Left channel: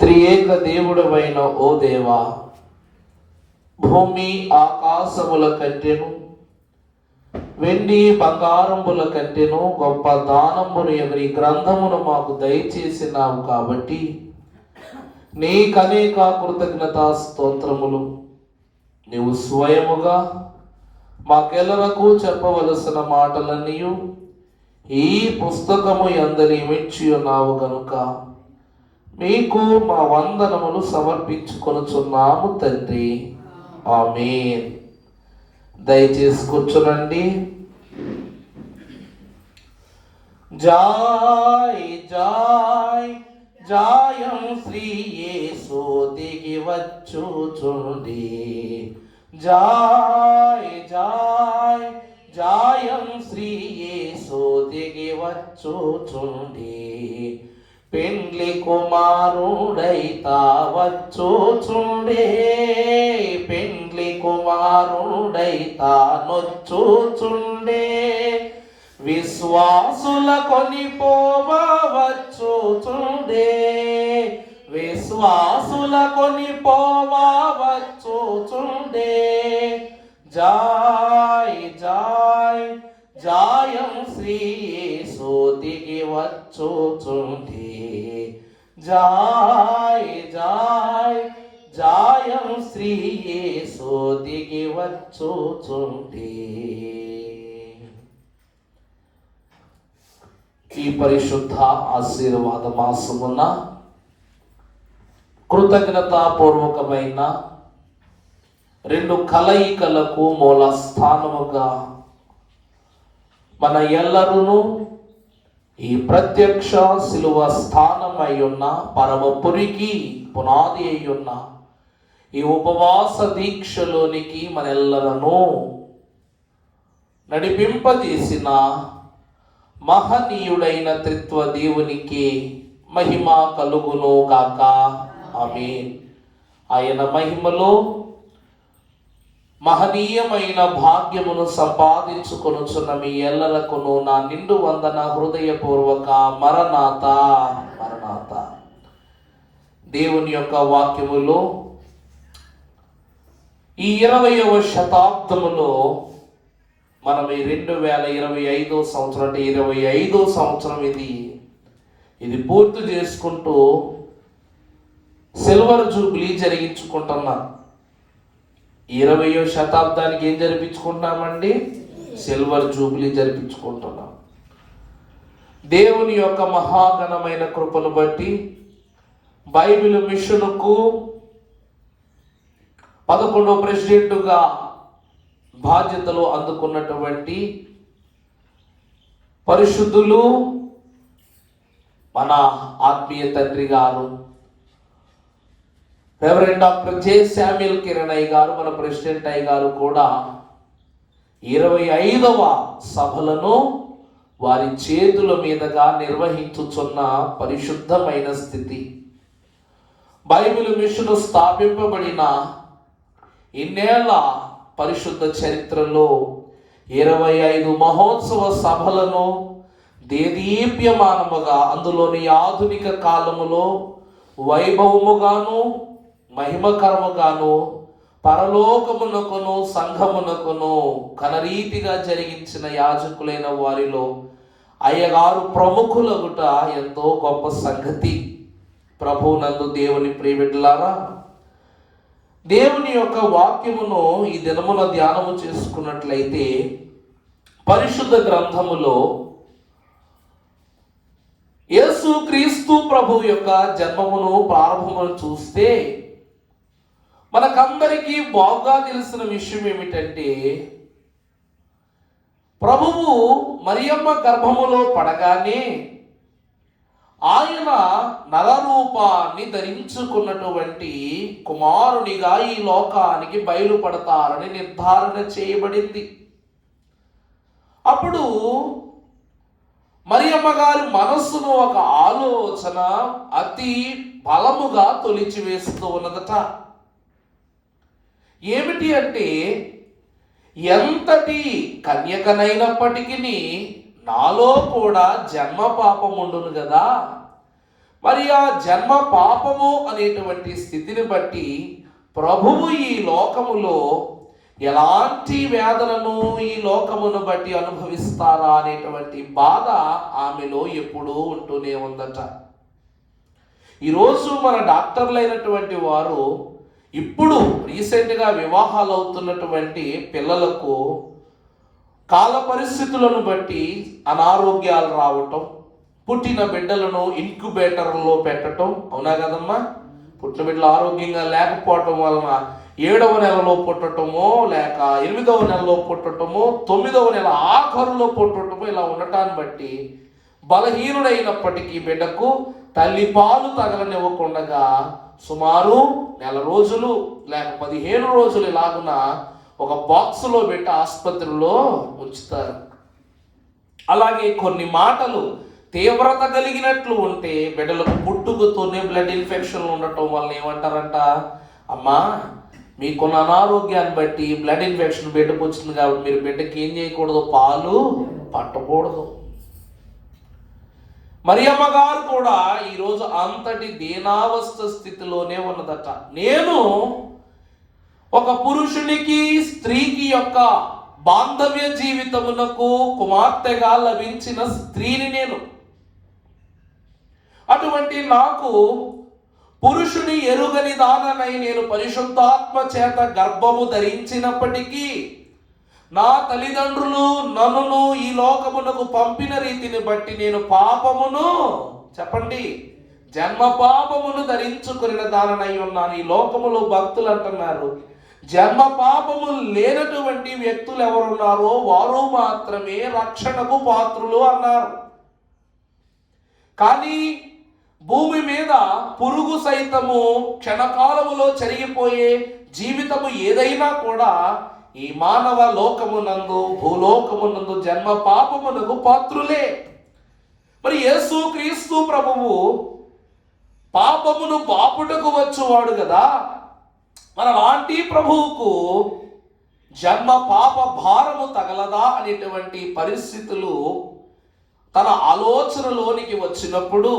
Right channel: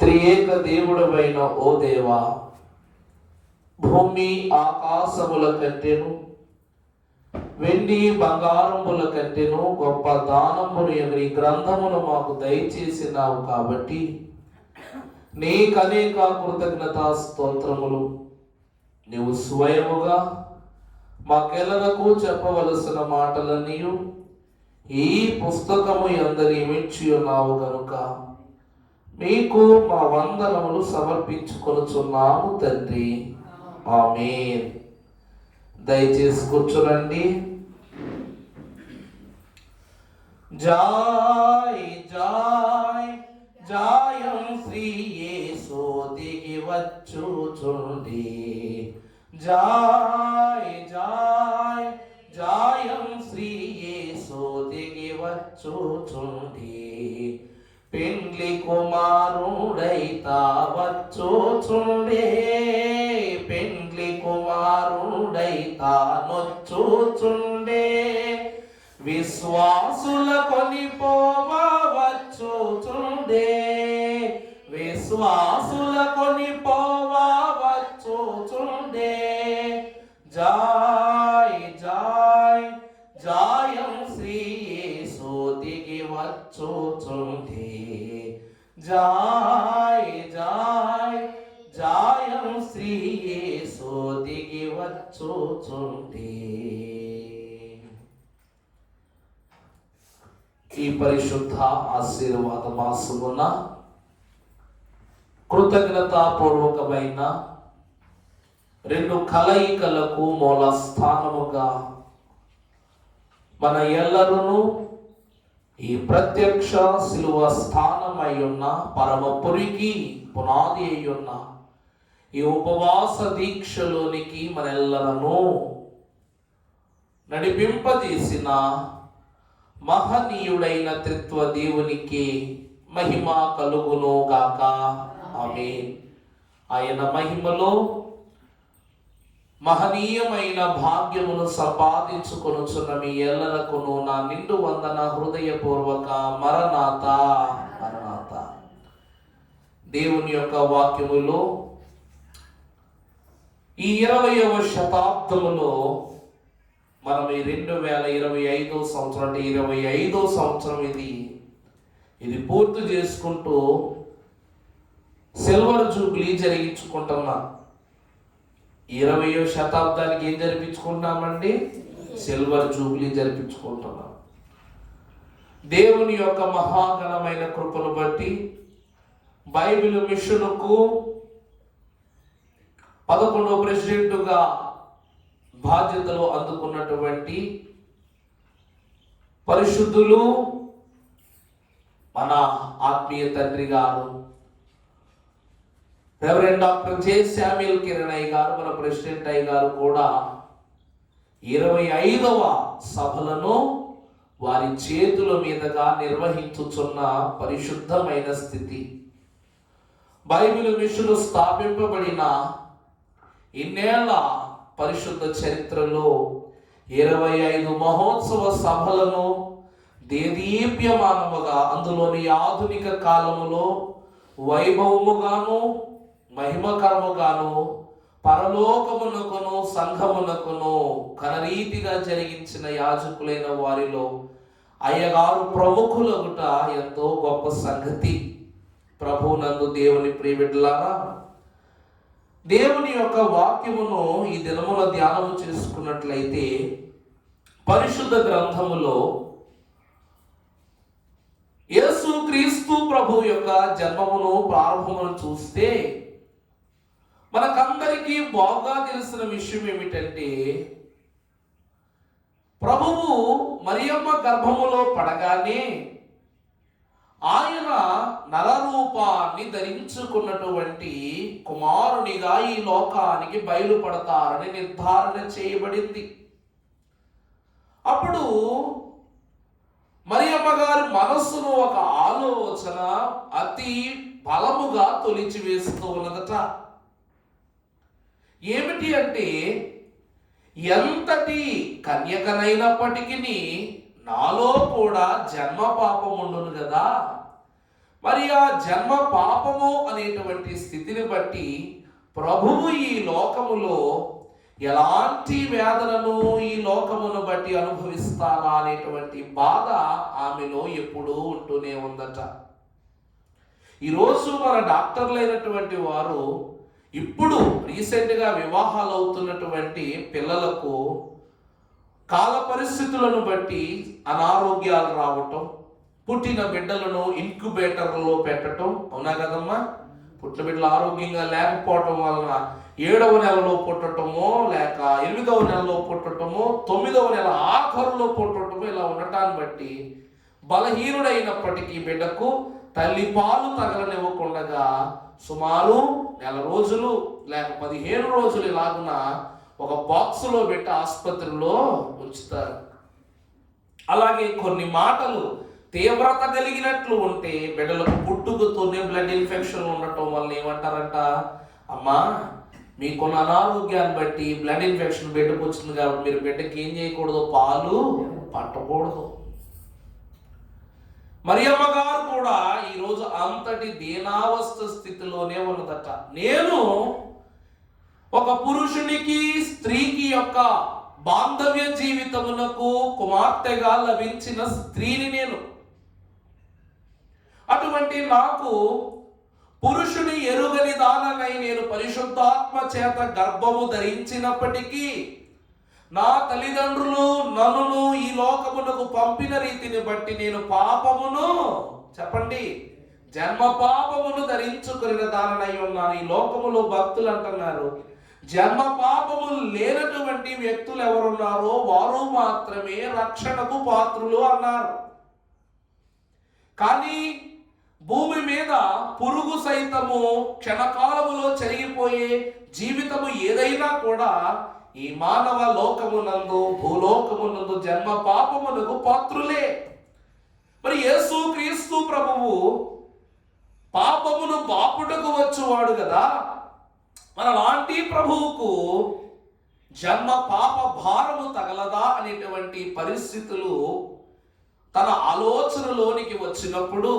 త్రియేక దేవుడవైన ఓ దేవా, భూమి ఆకాశముల కంటెను, వెండి బంగారముల కంటెను గొప్ప దానమును ఎవరి గ్రంథమును మాకు దయచేసినావు కాబట్టి నీకనేక కృతజ్ఞతా స్తోత్రములు. నీవు స్వయముగా మాకెల్లరకు చెప్పవలసిన మాటలన్నీ ఈ పుస్తకము యందని మెచ్చి ఉన్నావు గనుక మీకు మా వందనములు సమర్పించుకొనుచున్నాము తండ్రి. ఆమేన్. దయచేసి కూర్చోనండి. జాయ్ జాయ్ జాయం శ్రీ యేసు దిగి వచ్చుచుండి. జాయ్ జాయ్ జాయం శ్రీ యేసు దిగి వచ్చుచుండి. పెండ్లి కుమారుడైతా వచ్చుచుండే, పెండ్లి కుమారుడైతా నొచ్చుచుండే. విశ్వాసుల కొనిపోవా వచ్చుచుండే, విశ్వాసుల కొనిపోవా వచ్చుచుండే. జాయ్ జాయ్ జాయం శ్రీ యేసు దిగి వచ్చుచుండి. జాయ్ జాయ్ జాయం శ్రీ యేసు దిగి వచ్చుచుండి. ఈ పరిశుద్ధ ఆశీర్వాద మాసమున కృతజ్ఞతాపూర్వకమైన రెండు కలయికలకు మూల స్థానముగా మన ఎల్లరూ ఈ ప్రత్యక్ష శిలువ స్థానమై ఉన్న పరమపురికి పునాది అయి ఉన్న ఈ ఉపవాస దీక్షలోనికి మనెల్లరను నడిపింపజేసిన మహనీయుడైన త్రిత్వ దేవునికి మహిమ కలుగును గాక. ఆమేన్. ఆయన మహిమలో మహనీయమైన భాగ్యమును సంపాదించుకొనుచున్న మీ ఎల్లరకును నా నిండు వందన హృదయపూర్వక మరణాత మరణాత. దేవుని యొక్క వాక్యములో ఈ 20వ శతాబ్దములో మనం ఈ 2025 సంవత్సరం అంటే 25వ సంవత్సరం ఇది పూర్తి చేసుకుంటూ సిల్వర్ జూబ్లీ జరిగించుకుంటున్నాం. 20వ శతాబ్దానికి ఏం జరిపించుకుంటున్నామండి? Silver Jubilee జరిపించుకుంటున్నాం. దేవుని యొక్క మహాగణమైన కృపను బట్టి బైబిల్ మిషన్కు 11వ ప్రెసిడెంట్గా బాధ్యతలు అందుకున్నటువంటి పరిశుద్ధులు మన ఆత్మీయ తండ్రి గారు reverend doctor J Samuel Kiran గారు, మన ప్రెసిడెంట్ అయ్య గారు కూడా 25వ సభలను వారి చేతుల మీదుగా నిర్వహించుచున్న పరిశుద్ధమైన స్థితి. బైబిల్ మిషన్ స్థాపింపబడిన ఇన్నేళ్ల పరిశుద్ధ చరిత్రలో 25 మహోత్సవ సభలను దేదీప్యమానముగా, అందులోని ఆధునిక కాలములో వైభవముగాను మహిమకరముగాను పరలోకమునకును సంఘమునకును కనరీతిగా జరిగించిన యాజకులైన వారిలో అయ్యగారు ప్రముఖులగుట ఎంతో గొప్ప సంగతి. ప్రభువునందు దేవుని ప్రియబిడ్డలారా, దేవుని యొక్క వాక్యమును ఈ దినముల ధ్యానము చేసుకున్నట్లయితే పరిశుద్ధ గ్రంథములో యేసు క్రీస్తు ప్రభు యొక్క జన్మమును ప్రారంభమును చూస్తే మనకందరికీ బాగా తెలిసిన విషయం ఏమిటంటే, ప్రభువు మరియమ్మ గర్భములో పడగానే ఆయన నరరూపాన్ని ధరించుకున్నటువంటి కుమారునిగా ఈ లోకానికి బయలుపడతారని నిర్ధారణ చేయబడింది. అప్పుడు మరియమ్మ గారి మనస్సును ఒక ఆలోచన అతి బలముగా తొలిచివేస్తూ ఉన్నదట. ఏమిటి అంటే, ఎంతటి కన్యకనైనప్పటికీ నాలో కూడా జన్మ పాపం ఉండును కదా, మరి ఆ జన్మ పాపము అనేటువంటి స్థితిని బట్టి ప్రభువు ఈ లోకములో ఎలాంటి వేదనను ఈ లోకమును బట్టి అనుభవిస్తారా అనేటువంటి బాధ ఆమెలో ఎప్పుడూ ఉంటూనే ఉందట. ఈరోజు మన డాక్టర్లైనటువంటి వారు ఇప్పుడు రీసెంట్గా వివాహాలు అవుతున్నటువంటి పిల్లలకు కాల పరిస్థితులను బట్టి అనారోగ్యాలు రావటం, పుట్టిన బిడ్డలను ఇంక్యుబేటర్లో పెట్టడం, అవునా కదమ్మా? పుట్టిన బిడ్డలు ఆరోగ్యంగా లేకపోవటం వలన 7వ నెలలో పుట్టటమో, లేక 8వ నెలలో పుట్టటమో, 9వ నెల ఆఖరులో పుట్టటమో, ఇలా ఉండటాన్ని బట్టి బలహీనుడైనప్పటికీ బిడ్డకు తల్లి పాలు తగలనివ్వకుండా సుమారు 1 రోజులు లేక 15 రోజులు ఇలాగున ఒక బాక్సులో పెట్టి ఆసుపత్రిలో ఉంచుతారు. అలాగే కొన్ని మాటలు తీవ్రత కలిగినట్లు ఉంటే బిడ్డలకు పుట్టుకతోనే బ్లడ్ ఇన్ఫెక్షన్ ఉండటం వల్ల ఏమంటారంట, అమ్మా మీకున్న అనారోగ్యాన్ని బట్టి బ్లడ్ ఇన్ఫెక్షన్ బిడ్డకు వచ్చింది కాబట్టి మీరు బిడ్డకి ఏం చేయకూడదు, పాలు పట్టకూడదు. మరియమ్మ గారు కూడా ఈరోజు అంతటి దీనావస్థ స్థితిలోనే ఉన్నదట. నేను ఒక పురుషునికి స్త్రీకి యొక్క బాంధవ్య జీవితమునకు కుమార్తెగా లభించిన స్త్రీని నేను. అటువంటి నాకు పురుషుని ఎరుగని దాననై నేను పరిశుద్ధాత్మ చేత గర్భము ధరించినప్పటికీ నా తల్లిదండ్రులు నన్ను ఈ లోకమునకు పంపిన రీతిని బట్టి నేను పాపమును, చెప్పండి, జన్మ పాపమును ధరించుకున్న దాననై ఉన్నాను. ఈ లోకములో భక్తులు అంటున్నారు, జన్మ పాపము లేనటువంటి వ్యక్తులు ఎవరున్నారో వారు మాత్రమే రక్షణకు పాత్రులు అన్నారు. కానీ భూమి మీద పురుగు సైతము క్షణకాలములో చెరిగిపోయే జీవితము ఏదైనా కూడా ఈ మానవ లోకమునందు, భూలోకమునందు జన్మ పాపమునకు పాత్రులే. మరి యేసు క్రీస్తు ప్రభువు పాపమును బాపుటకు వచ్చువాడు కదా. మన లాంటి ప్రభువుకు జన్మ పాప భారము తగలదా అనేటువంటి పరిస్థితులు తన ఆలోచనలోనికి వచ్చినప్పుడు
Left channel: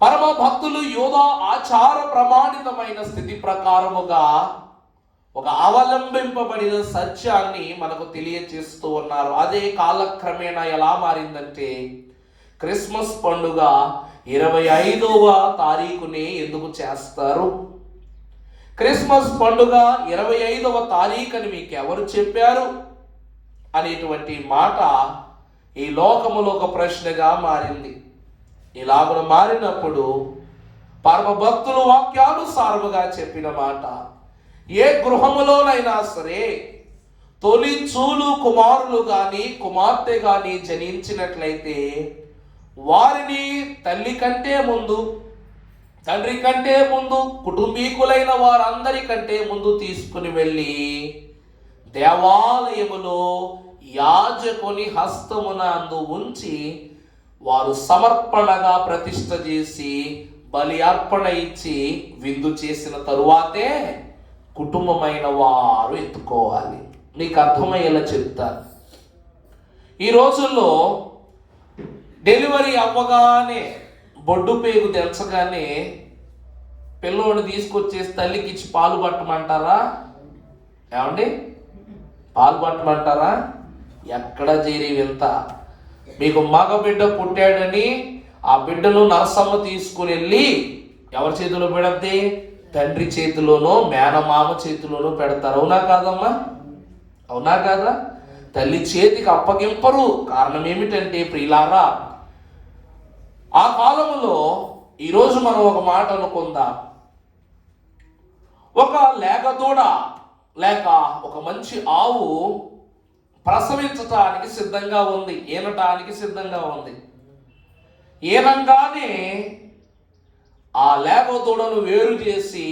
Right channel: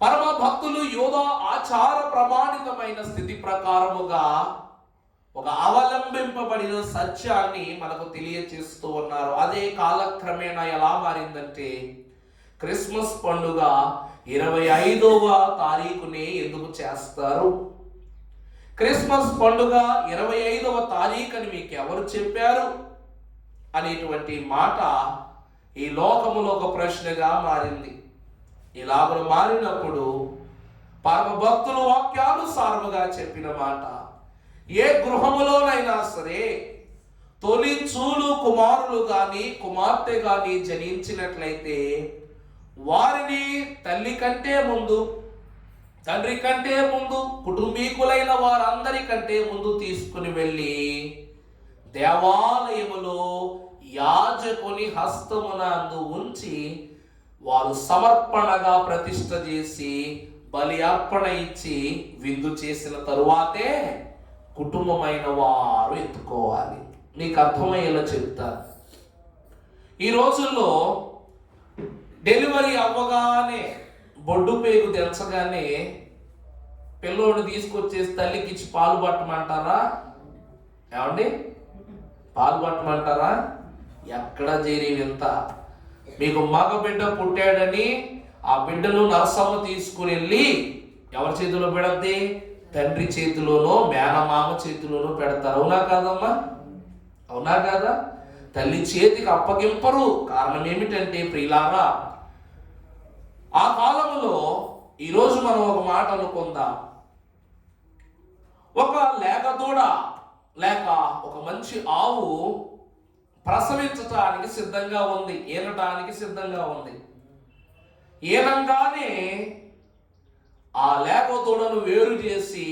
పరమ భక్తులు యోధా ఆచార ప్రమాణితమైన స్థితి ప్రకారముగా ఒక అవలంబింపబడిన సత్యాన్ని మనకు తెలియచేస్తూ ఉన్నారు. అదే కాలక్రమేణా ఎలా మారిందంటే, క్రిస్మస్ పండుగ 25వ తారీఖునే ఎందుకు చేస్తారు? క్రిస్మస్ పండుగ 25వ తారీఖు అని మీకు ఎవరు చెప్పారు అనేటువంటి మాట ఈ లోకములో ఒక ప్రశ్నగా మారింది. ఇలాగ మారినప్పుడు పరమ భక్తులు వాక్యానుసారముగా చెప్పిన మాట, ఏ గృహములోనైనా సరే తొలి చూలు కుమారులు గాని కుమార్తె గాని జనించినట్లయితే వారిని తల్లి కంటే ముందు, తండ్రి కంటే ముందు, కుటుంబీకులైన వారందరికంటే ముందు తీసుకుని వెళ్ళి దేవాలయములో యాజకుని హస్తమున అందు ఉంచి వారు సమర్పణగా ప్రతిష్ఠ చేసి బలి అర్పణ ఇచ్చి విందు చేసిన తరువాతే కుటుంబమైన వారు ఎత్తుకోవాలి. నీకు అర్థమయ్యేలా చెప్తాను. ఈ రోజుల్లో డెలివరీ అవ్వగానే బొడ్డు పేగు తెంచగానే పిల్లోడు తీసుకొచ్చేసి తల్లికి ఇచ్చి పాలు పట్టమంటారా? ఏమండి, పాలు పట్టమంటారా? ఎక్కడ చేరి వింత. మీకు మగ బిడ్డ పుట్టాడని ఆ బిడ్డను నరసమ్మ తీసుకుని వెళ్ళి ఎవరి చేతిలో పెడద్ది? తండ్రి చేతిలోనో మేనమామ చేతిలోనో పెడతారు. అవునా కాదమ్మా? అవునా కాదా? తల్లి చేతికి అప్పగింపరు. కారణం ఏమిటంటే ప్రియులారా, ఆ కాలంలో ఈరోజు మనం ఒక మాట అనుకుందాం, ఒక లేగదూడ లేక ఒక మంచి ఆవు ప్రసవించటానికి సిద్ధంగా ఉంది, ఈనటానికి సిద్ధంగా ఉంది. ఈనంగానే ఆ లేగదూడను వేరు చేసి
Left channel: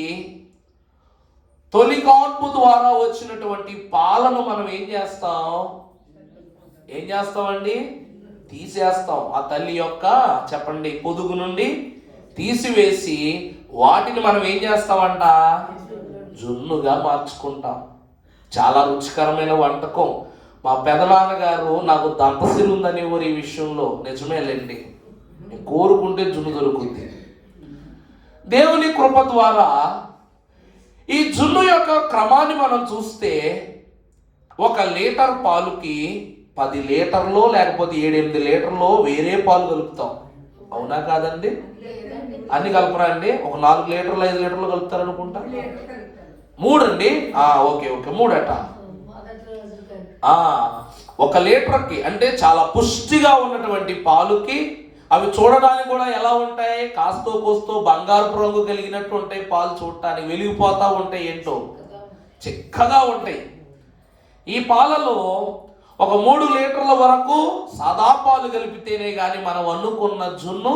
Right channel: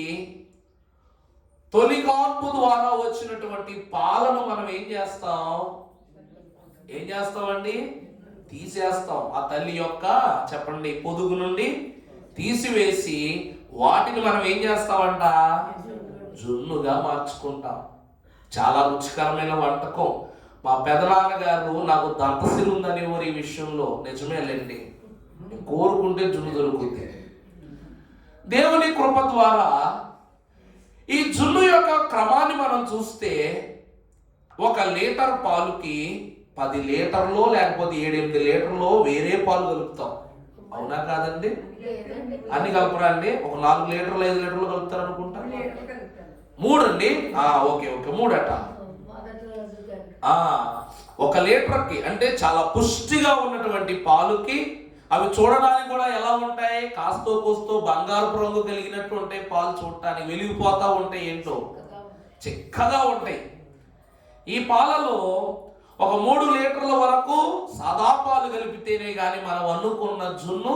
తొలి కాన్పు ద్వారా వచ్చినటువంటి పాలను మనం ఏం చేస్తామండి? తీసేస్తాం. ఆ తల్లి యొక్క, చెప్పండి, పొదుగు నుండి తీసివేసి వాటిని మనం ఏం చేస్తామంట? జున్నుగా మార్చుకుంటాం. చాలా రుచికరమైన వంటకం. మా పెదనాన్నగారు నాకు దంతసిరి ఉందని ఊరి విషయంలో నిజమేలేండి. కోరుకుంటే జున్ను దొరుకుతుంది. దేవుని కృప ద్వారా ఈ జున్ను యొక్క క్రమాన్ని మనం చూస్తే 1 లీటర్ పాలుకి 10 లీటర్లో లేకపోతే 7-8 లీటర్లో వేరే పాలు కలుపుతాం. అవునా కాదండి? అన్ని కలపరా అండి? ఒక 4 లీటర్లు 5 లీటర్లు కలుపుతారు అనుకుంటా. 3 అండి. ఓకే 3 అట. 1 లీటర్కి అంటే చాలా పుష్టిగా ఉన్నటువంటి పాలుకి, అవి చూడడానికి కూడా ఎలా ఉంటాయి, కాస్తో కోస్తో బంగారపు రంగు కలిగినట్టు ఉంటాయి. పాలు చూడటానికి వెలిగిపోతా ఉంటాయి, ఏంటో చిక్కగా ఉంటాయి. ఈ పాలలో ఒక 3 లీటర్ల వరకు సాదా పాలు కలిపితేనే గాని మనం అనుకున్న జున్ను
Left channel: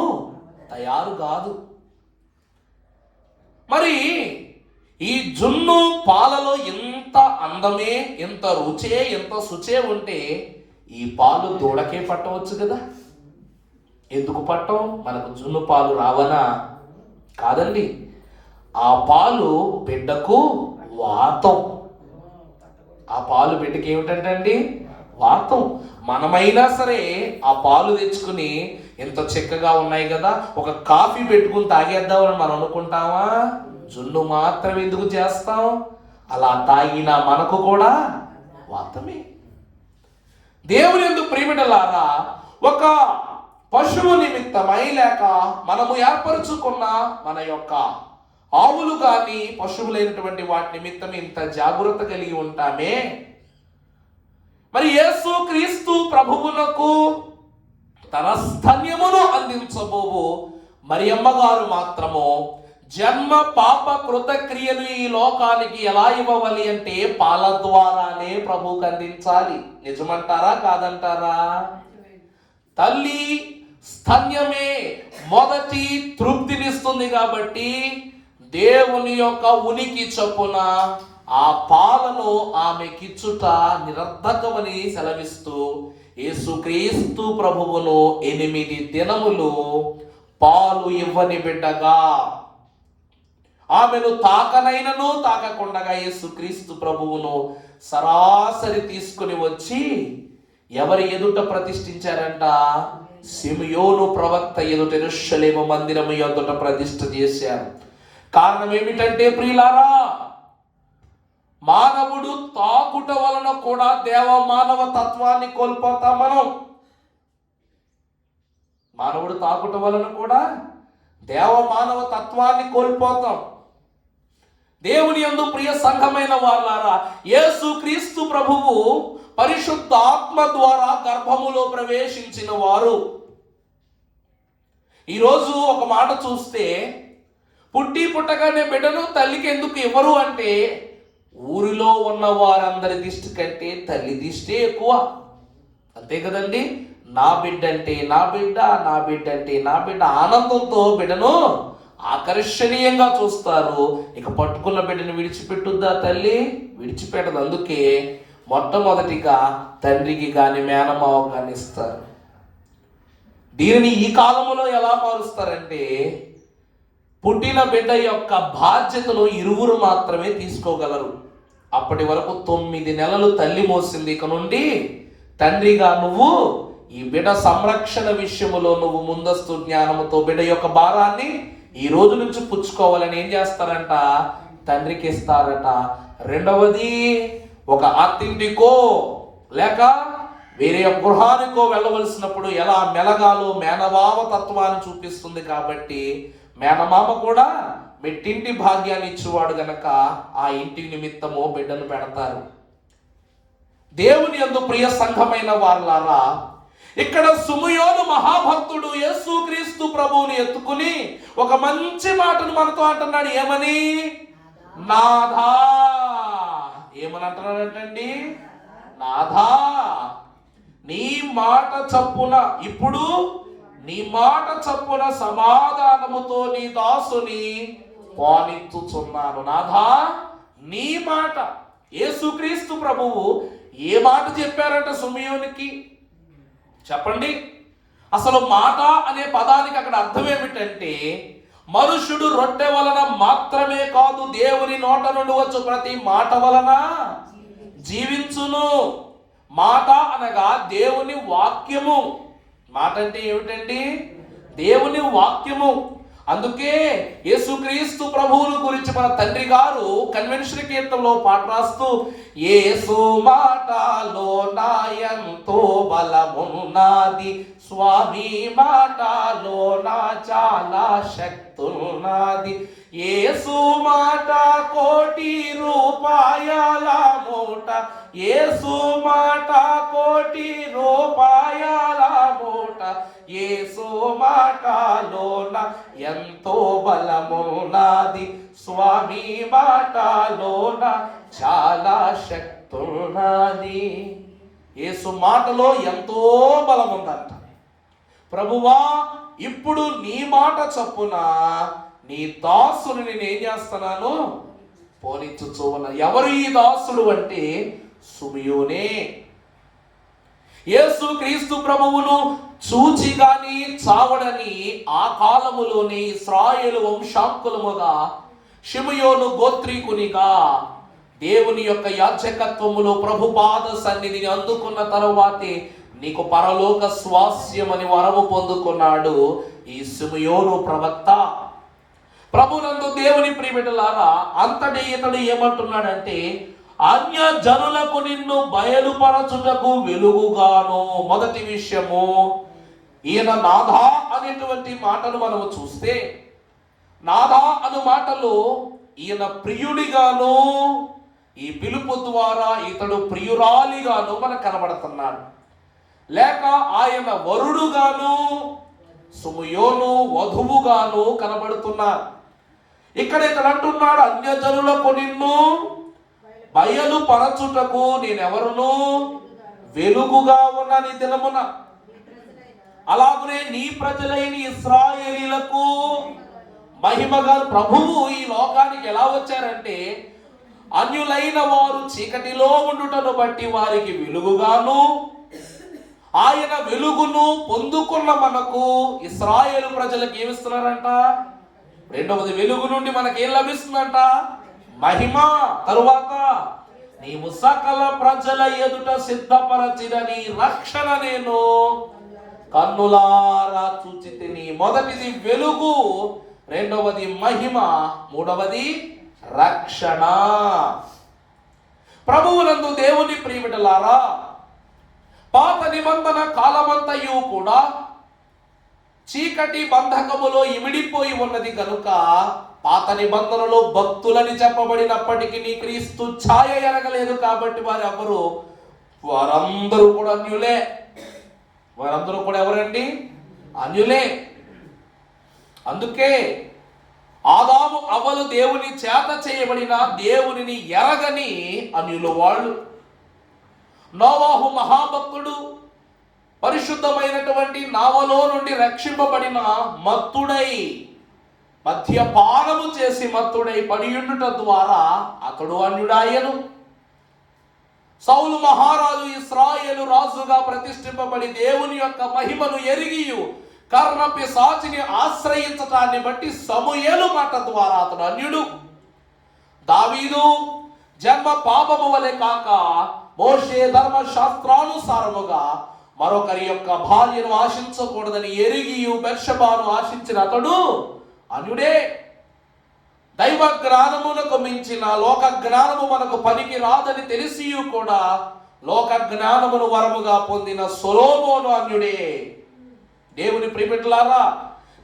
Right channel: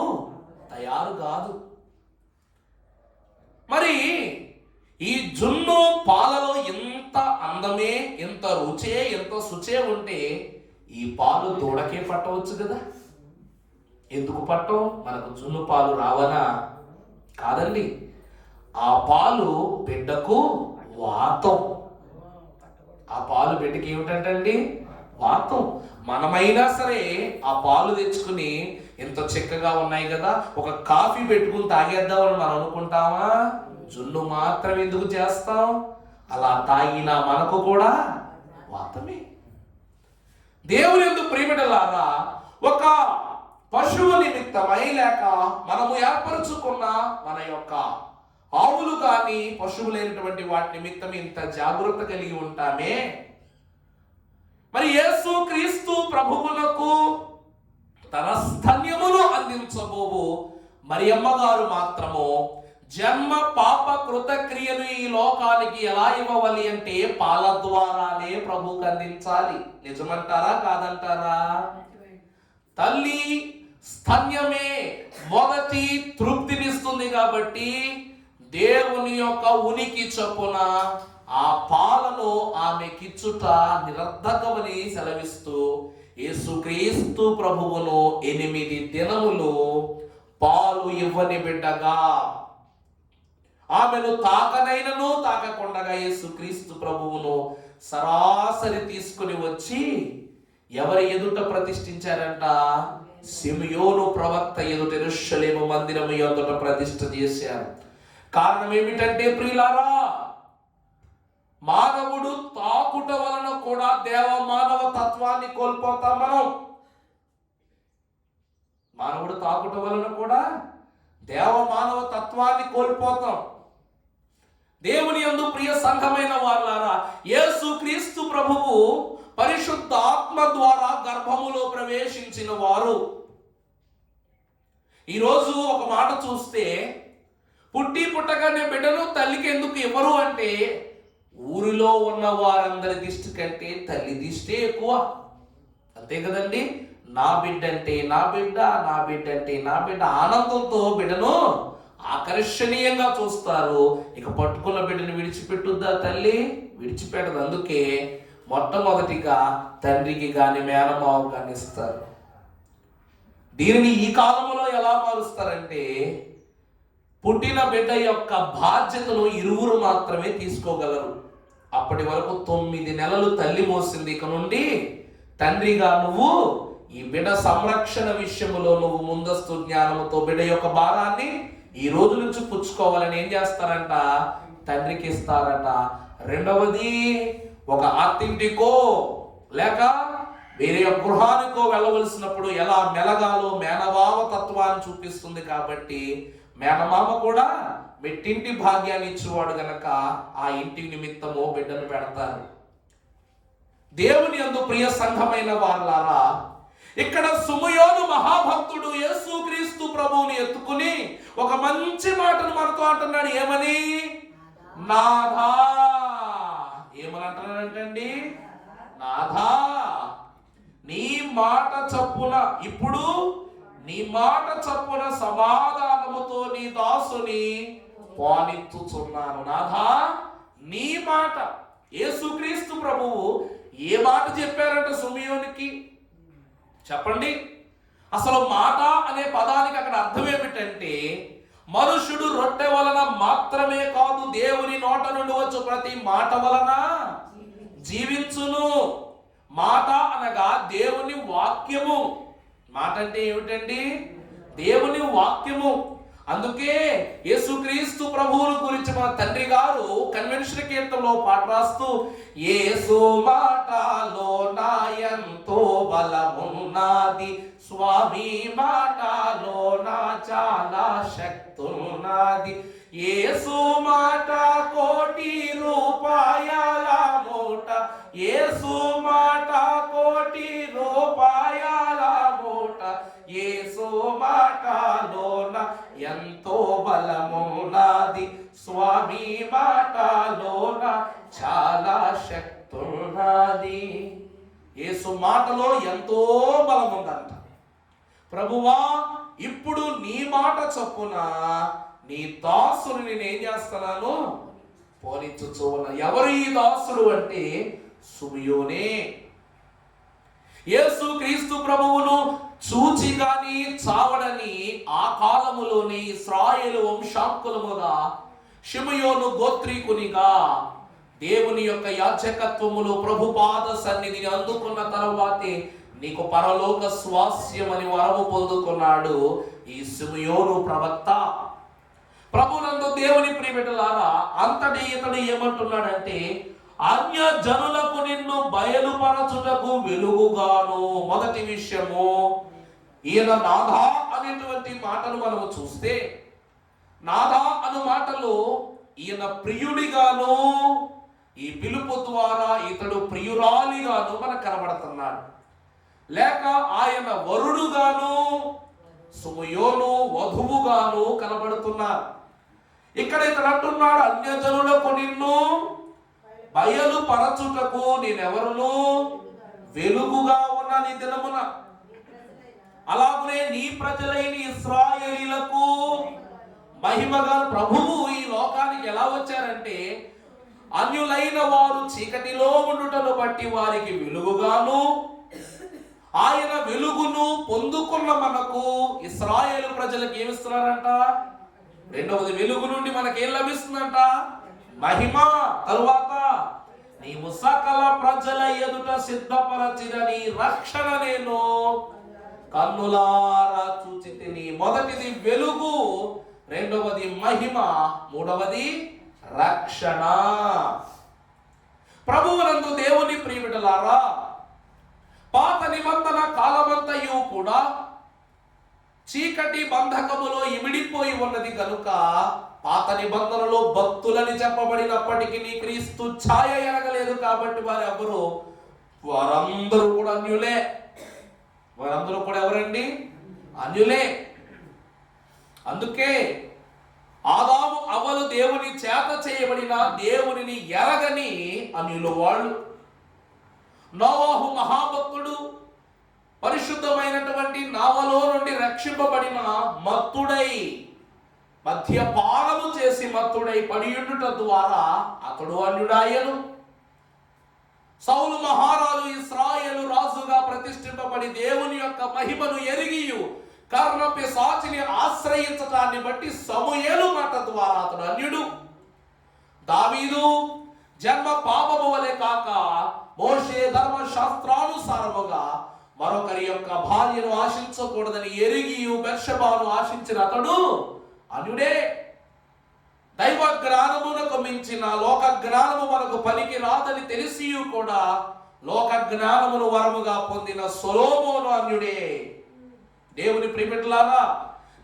తయారు కాదు. మరి ఈ జున్ను పాలలో ఎంత అందమే, ఎంత రుచే, ఎంత శుచే ఉంటే ఈ పాలు దూడకే పట్టవచ్చు కదా. ఎందుకు పట్టం? మనకు జున్ను పాలు రావనా? కాదండి. ఆ పాలు బిడ్డకు వాతం. ఆ పాలు బిడ్డకి ఏమిటంటండి? వాతం. మనమైనా సరే ఆ పాలు తెచ్చుకుని ఎంత చక్కగా ఉన్నాయి కదా, ఒక కాఫీ పెట్టుకుని తాగేద్దామని మనం అనుకుంటామా? జున్ను మాత్రం ఎందుకు చేస్తాం? అలా తాగినా మనకు కూడా వాతమే. దేవుని యందు ప్రియమిడలారా, ఒక పశువు నిమిత్తమై లేక మనము ఏర్పరచుకున్న మన యొక్క ఆవులు కానీ పశువులైనటువంటి వాటి నిమిత్తం ఇంత జాగ్రత్త కలిగి ఉంటామే. మరి యేసు క్రీస్తు ప్రభువునకు తన స్తన్యమును అందించబోవు మరియమ్మ గారు మాత్రము జన్మ పాప కృతక్రియలు ఈ లోకానికి ఎలా ఇవ్వవాలి అంటే పాల ద్వారానే ప్రభువుకు అందించాలి. నిజమంటారా కాదంటారా? తల్లి స్తన్యమే మొదటి తృప్తినిస్తుంది కాబట్టి దేవుని యొక్క ఉనికి చొప్పున ఆ పాలను ఆమెకిచ్చుట నిరర్ధకమని సెలవిస్తూ యేసుక్రీస్తు ప్రభువును 8 దినములు పాలు ఇవ్వని బిడ్డగా, ఆమెను తాకనైనను తాకకుండగా యేసుక్రీస్తు ప్రభువును సరాసరి తీసుకుని వచ్చి ఎవరి ఎదుట ప్రతిష్ఠించారంట? సిమియోను ప్రవక్త ఎదుట యెరూషలేము మందిరము ఎదుట ప్రతిష్ఠ చేశారు. కారణం ఏమిటంటే ప్రియులారా, మానవుడు తాకుట వలన కూడా దేవ మానవ తత్వాన్ని కోల్పోతాం మనం. మానవుడు తాకుట వలన కూడా దేవ మానవ తత్వాన్ని కోల్పోతాం. దేవుని యందు ప్రియ సంఘమైన వారులారా, యేసు క్రీస్తు ప్రభువు పరిశుద్ధ ఆత్మ ద్వారా గర్భములో ప్రవేశించిన వారు. ఈరోజు ఒక మాట చూస్తే, పుట్టగానే బిడ్డను తల్లికి ఎందుకు ఇవ్వరు అంటే ఊరిలో ఉన్న వారందరి దిష్టి కంటే తల్లి దిష్టి ఎక్కువ. అంతే కదండి? నా బిడ్డ అంటే నా బిడ్డ, నా బిడ్డ అంటే నా బిడ్డ ఆనందంతో బిడ్డను ఆకర్షణీయంగా చూస్తారు. ఇక పట్టుకున్న బిడ్డను విడిచిపెట్టుద్దా తల్లి? విడిచిపెట్టదు. అందుకే మొట్టమొదటిగా తండ్రికి కానీ మేనమావ కానీ ఇస్తారు. దీనిని ఈ కాలంలో ఎలా మారుస్తారంటే పుట్టిన బిడ్డ యొక్క బాధ్యతను ఇరువురు మాత్రమే తీసుకోగలరు. అప్పటి వరకు 9 నెలలు తల్లి మోసింది. ఇక నుండి తండ్రిగా నువ్వు ఈ బిడ్డ సంరక్షణ విషయంలో నువ్వు ముందస్తు జ్ఞానముతో బిడ్డ యొక్క భారాన్ని ఈ రోజు నుంచి పుచ్చుకోవాలని ఏం చేస్తారంట? తండ్రికి ఇస్తారట. రెండవది, ఒక అత్తింటికో లేక వేరే గృహానికో వెళ్ళవలసినప్పుడు ఎలా మెలగాలో మేనమామ తత్వాన్ని చూపిస్తుంది. కాబట్టి మేనమామ కూడా మెట్టింటి భాగ్యాన్ని ఇచ్చేవాడు గనక ఆ ఇంటి నిమిత్తము బిడ్డను పెడతారు. దేవుని యందు ప్రియ సంఘమైన వారులారా, ఇక్కడ సిమియోను మహాభక్తుడు యేసుక్రీస్తు ప్రభువుని ఎత్తుకుని ఒక మంచి మాటను మనతో అంటున్నాడు. ఏమని? నాథా. ఏమని అంటున్నాడంటండి? నాథా, నీ మాట చప్పున, ఇప్పుడు నీ మాట చప్పున సమాధానముతో నీ దాసుని పోనిచ్చుచున్నాను. నాథా, నీ మాట. యేసుక్రీస్తు ప్రభువు ఏ మాట చెప్పారంట సిమియోనుకి? చెప్పండి. అసలు మాట అనే పదానికి అక్కడ అర్థం ఏమిటంటే, మనుషుడు రొట్టె వలన మాత్రమే కాదు, దేవుని నోట నుండి వచ్చు ప్రతి మాట వలన జీవించును. మాట అనగా దేవుని వాక్యము. మాట అంటే ఏమిటండి? దేవుని వాక్యము. అందుకే యేసుక్రీస్తు ప్రభువుని గురించి మన తండ్రి గారు కన్వెన్షన్ కీర్తనలో పాట రాస్తూ, యేసు మాటలో నా ఎంతో బలమున్నది, స్వామి మాటలో నా చాలా శక్తున్నది, యేసు మాట కోటి రూపాయల మూట, యేసు మాట కోటి రూపాయల మూట, యేసు మాటలోన ఎంతో బలమున్నది, స్వామి మాటలోన చాలా శక్తున్నది. యేసు మాటలో ఎంతో బలం ఉందంట. ప్రభువా, ఇప్పుడు నీ మాట చొప్పున నీ దాసుని నేనేం చేస్తున్నాను, పోనిచ్చుచు ఉన్నా. ఎవరు ఈ దాసుడు అంటే సుమియోనే. యేసు క్రీస్తు ప్రభువును చూచి గాని చావడని ఆ కాలములోని ఇశ్రాయేలు వంశాంకులముగా షిమయోను గోత్రీకునిగా దేవుని యొక్క యాజకత్వములో ప్రభుపాద సన్నిధిని అందుకున్న తరువాతే నీకు పరలోక స్వాస్యమని వరము పొందుకున్నాడు ఈ షిమయోను ప్రవక్త. ప్రభునందు దేవుని ప్రియబిడ్డలారా, అంతటి ఇతడు ఏమంటున్నాడంటే, అన్య జనులకు నిన్ను బయలుపరచుటకు వెలుగుగాను. మొదటి విషయము, ఈయన నాథా అనేటువంటి మాటను మనము చూస్తే, నాథా అను మాటలు ఈయన ప్రియుడిగాను, ఈ పిలుపు ద్వారా ఇతడు ప్రియురాలిగాను మనకు కనబడుతున్నాడు. లేక ఆయన వరుడుగాను, సుమయోను వధువుగాను కనబడుతున్నారు. ఇక్కడ ఇతడు అంటున్నాడు, అన్యజనులకు నిన్ను బయలుపరచుటకు నేనెవరును, వెలుగుగా ఉన్న నీ దినమున. అలాగనే నీ ప్రజలైన ఇశ్రాయేలీలకు మహిమగా. ప్రభువు ఈ లోకానికి ఎలా వచ్చారంటే, అన్యులైన వారు చీకటిలో ఉండుటను బట్టి వారికి వెలుగుగాను, ఆయన వెలుగును పొందుకున్న మనకు ఇశ్రాయేలు ప్రజలకు ఏమిస్తున్నారంట, రెండవది వెలుగు నుండి మనకేం లభిస్తుందంట, మహిమ. తరువాత నీవు సకల ప్రజల ఎదుట సిద్ధపరచిన నీ రక్షణ నేను కన్నులారా చూచితిని. మొదటిది వెలుగు, రెండవది మహిమ, మూడవది రక్షణ. ప్రభువునందు దేవుని ప్రియబిడ్డలారా, పాత నిబంధన కాలమంతయు కూడా చీకటి బంధకములో ఇమిడిపోయి ఉన్నది కనుక పాత నిబంధనలో భక్తులని చెప్పబడినప్పటికీ క్రీస్తు ఛాయ ఎరగలేదు. కాబట్టి వారందరూ కూడా అన్యులే. వారందరూ కూడా ఎవరండి? అన్యులే. అందుకే ఆదాము అవ్వలు దేవుని చేత చేయబడిన దేవునిని ఎరగని అన్యులు వాళ్ళు. నోవాహు మహాభక్తుడు పరిశుద్ధమైనటువంటి నావలో నుండి రక్షింపబడిన మత్తుడై, మద్యపానము చేసి మత్తుడై పడియుండుట ద్వారా అతడు అన్యుడాయను. సౌలు మహారాజు ఇశ్రాయేలు రాజుగా ప్రతిష్ఠింపబడి దేవుని యొక్క మహిమను ఎరిగియు కర్ణపిశాచిని ఆశ్రయించటాన్ని బట్టి సమూయేలు మాట ద్వారా అతడు అన్యుడు. దావీదు జన్మ పాపము వలె కాక మోషే ధర్మశాస్త్రానుసారముగా మరొకరి యొక్క భార్యను ఆశించకూడదని ఎరిగియు బెర్షబాను ఆశించిన అతడు అన్యుడే. దైవ జ్ఞానమునకు మించిన లోక జ్ఞానము మనకు పనికి రాదని తెలిసి కూడా లోక జ్ఞానమును వరముగా పొందిన సొలొమోను అన్యుడే. దేవుని ప్రియబిడ్డలారా,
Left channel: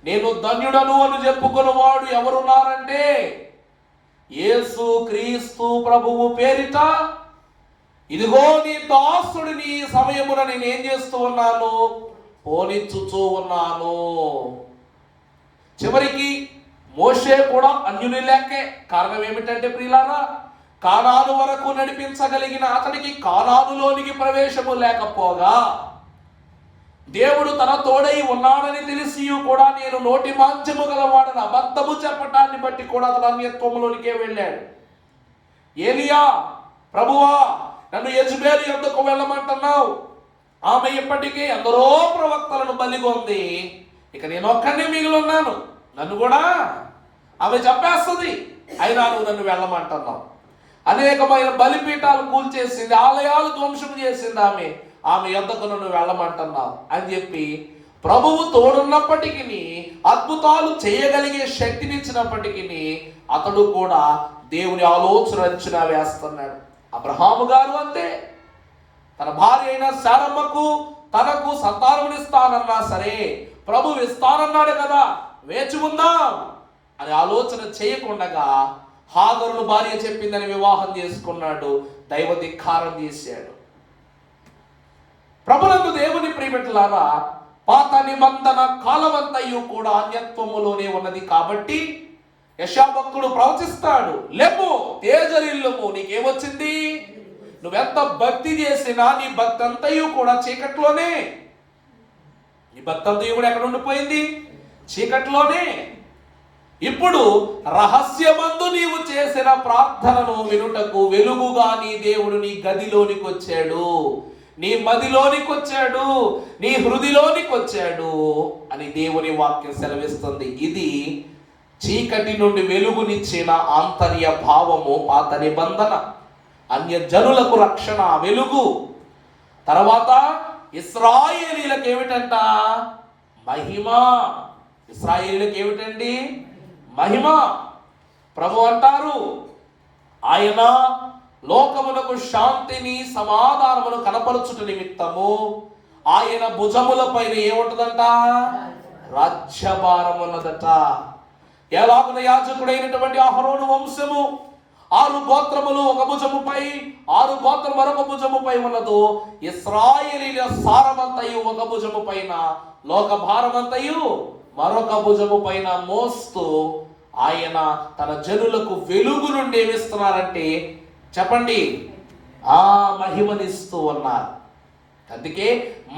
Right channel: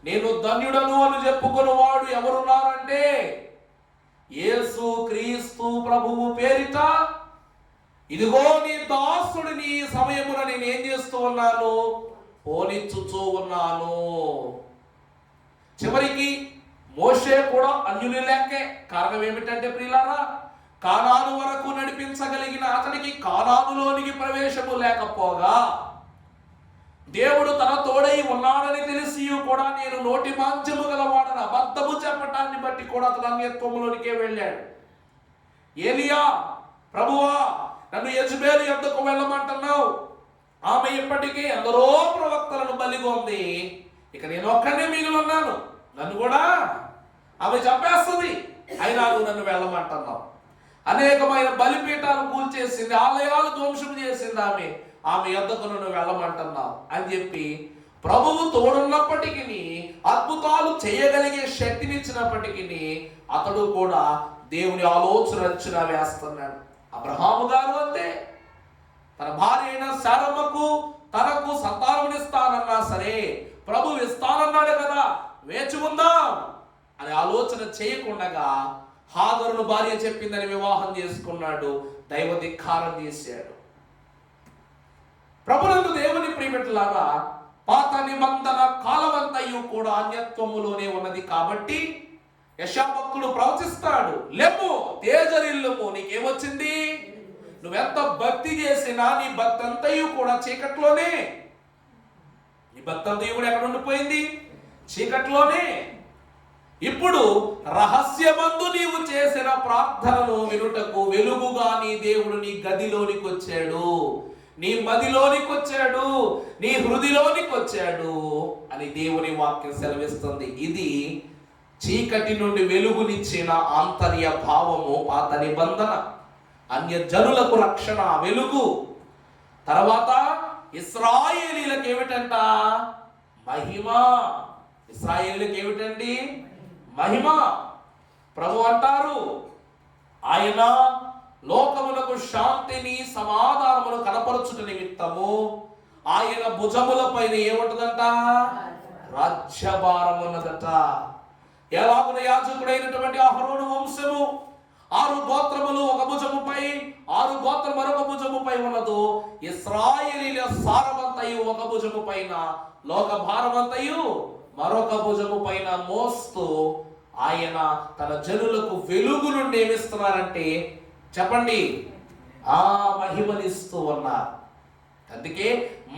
నేను ధన్యుడను అని చెప్పుకున్న వాడు ఎవరున్నారంటే, యేసు క్రీస్తు ప్రభువు పేరిట ఇదిగో నీ దాసుడు నీ సమయమున నేనేం చేస్తూ ఉన్నాను, పోనిచ్చుచూ ఉన్నాను. చివరికి మోషే కూడా అన్యుని లెక్కే. కారణం ఏమిటంటే ప్రియులారా, కానాను వరకు నడిపించగలిగిన అతనికి కానానులోనికి ప్రవేశము లేకపోగా దేవుడు తన తోడై ఉన్నాడని తెలిసి కూడా నేను నోటి మాంచము గలవాడని అబద్ధము చెప్పటాన్ని బట్టి కూడా అతను అన్యత్వములోనికే వెళ్ళాడు. ఏలియా, ప్రభువా నన్ను యెజబెలు యొద్దకు వెళ్ళమంటున్నావు, ఆమె ఇప్పటికీ ఎందరో ప్రవక్తలను బలిగొంది, ఇక నేను ఒక్కనే మిగిలి ఉన్నాను, నన్ను కూడా ఆమె చంపేస్తుంది, అయినా నువ్వు నన్ను వెళ్ళమంటున్నావు. అనేకమైన బలిపీఠాలు కూల్చేసింది, ఆలయాలు ధ్వంసం చేసింది, ఆమె యొద్దకు నన్ను వెళ్ళమంటున్నావు అని చెప్పి ప్రభువు తోడున్నప్పటికీ, అద్భుతాలు చేయగలిగే శక్తినిచ్చినప్పటికీ అతడు కూడా దేవుని ఆలోచన అంచనా వేస్తున్నాడు. అబ్రహాము గారు అంతే. తన భార్య అయిన శారమ్మకు తనకు సంతానమునిస్తానన్నా సరే, ప్రభువు ఇస్తానన్నాడు కదా, వేచి ఉందాం అని ఆలోచన చేయకుండా హాగరును భార్య చెప్పిందని వివాహం చేసుకున్నాడు. దైవ ధిక్కారం చేశాడు. ప్రభునందు దేవుని ప్రియబిడ్డలారా, పాత నిబంధన కాలమంతయు కూడా అన్యత్వములోనే ఉన్నది కాబట్టి యెషయా భక్తుడు ప్రవచిస్తాడు, లెమ్ము తేజరిల్లుము, నీకేమొచ్చింది? నువ్వెంత భక్తి చేసినా నీ భక్తి అంతయు కూడా చీకట్లోనే. నీ భక్తి అంతయు కూడా ఎక్కడ ఉండిపోయింది? చీకట్లోనే. ఇప్పుడు రహస్యమందు నీవు చేసిన ప్రార్థనను వినుటకు వెలుగుగా నీ దేవుడు నీ గదిలోనికి వచ్చాడు, నీ మదిలోనికి వచ్చాడు, నీ హృదిలోనికి వచ్చాడు అని దేవుని వాక్యం సెలవిస్తుంది. ఇది చీకటి నుండి వెలుగునిచ్చిన ఆంతర్య భావము పాత నిబంధన. అన్య జనులకు రక్షణ, వెలుగు. తర్వాత ఇశ్రాయేలీలకు ఏమిటంట? మహిమ. ఇశ్రాయేలీలకు ఏమిటండి? మహిమ. ప్రభు అంటారు, ఆయన లోకమునకు శాంతిని సమాధానమును కనపరచుట నిమిత్తము ఆయన భుజముల పైన ఏముంటదంట? రాజ్యభారం ఉన్నదట. ఎలాగున యాజకుడైనటువంటి అహరోను వంశము 6 గోత్రములు ఒక భుజముపై, 6 గోత్రము మరొక భుజముపై ఉన్నదో, ఇశ్రాయేలీల సారమంతయు ఒక భుజము పైన, లోక భారమంతయు మరొక భుజము పైన మోస్తూ ఆయన తన జనులకు వెలుగు నుండి ఏమిస్తున్నారంటే, చెప్పండి, ఆ మహిమనిస్తూ ఉన్నారు. అందుకే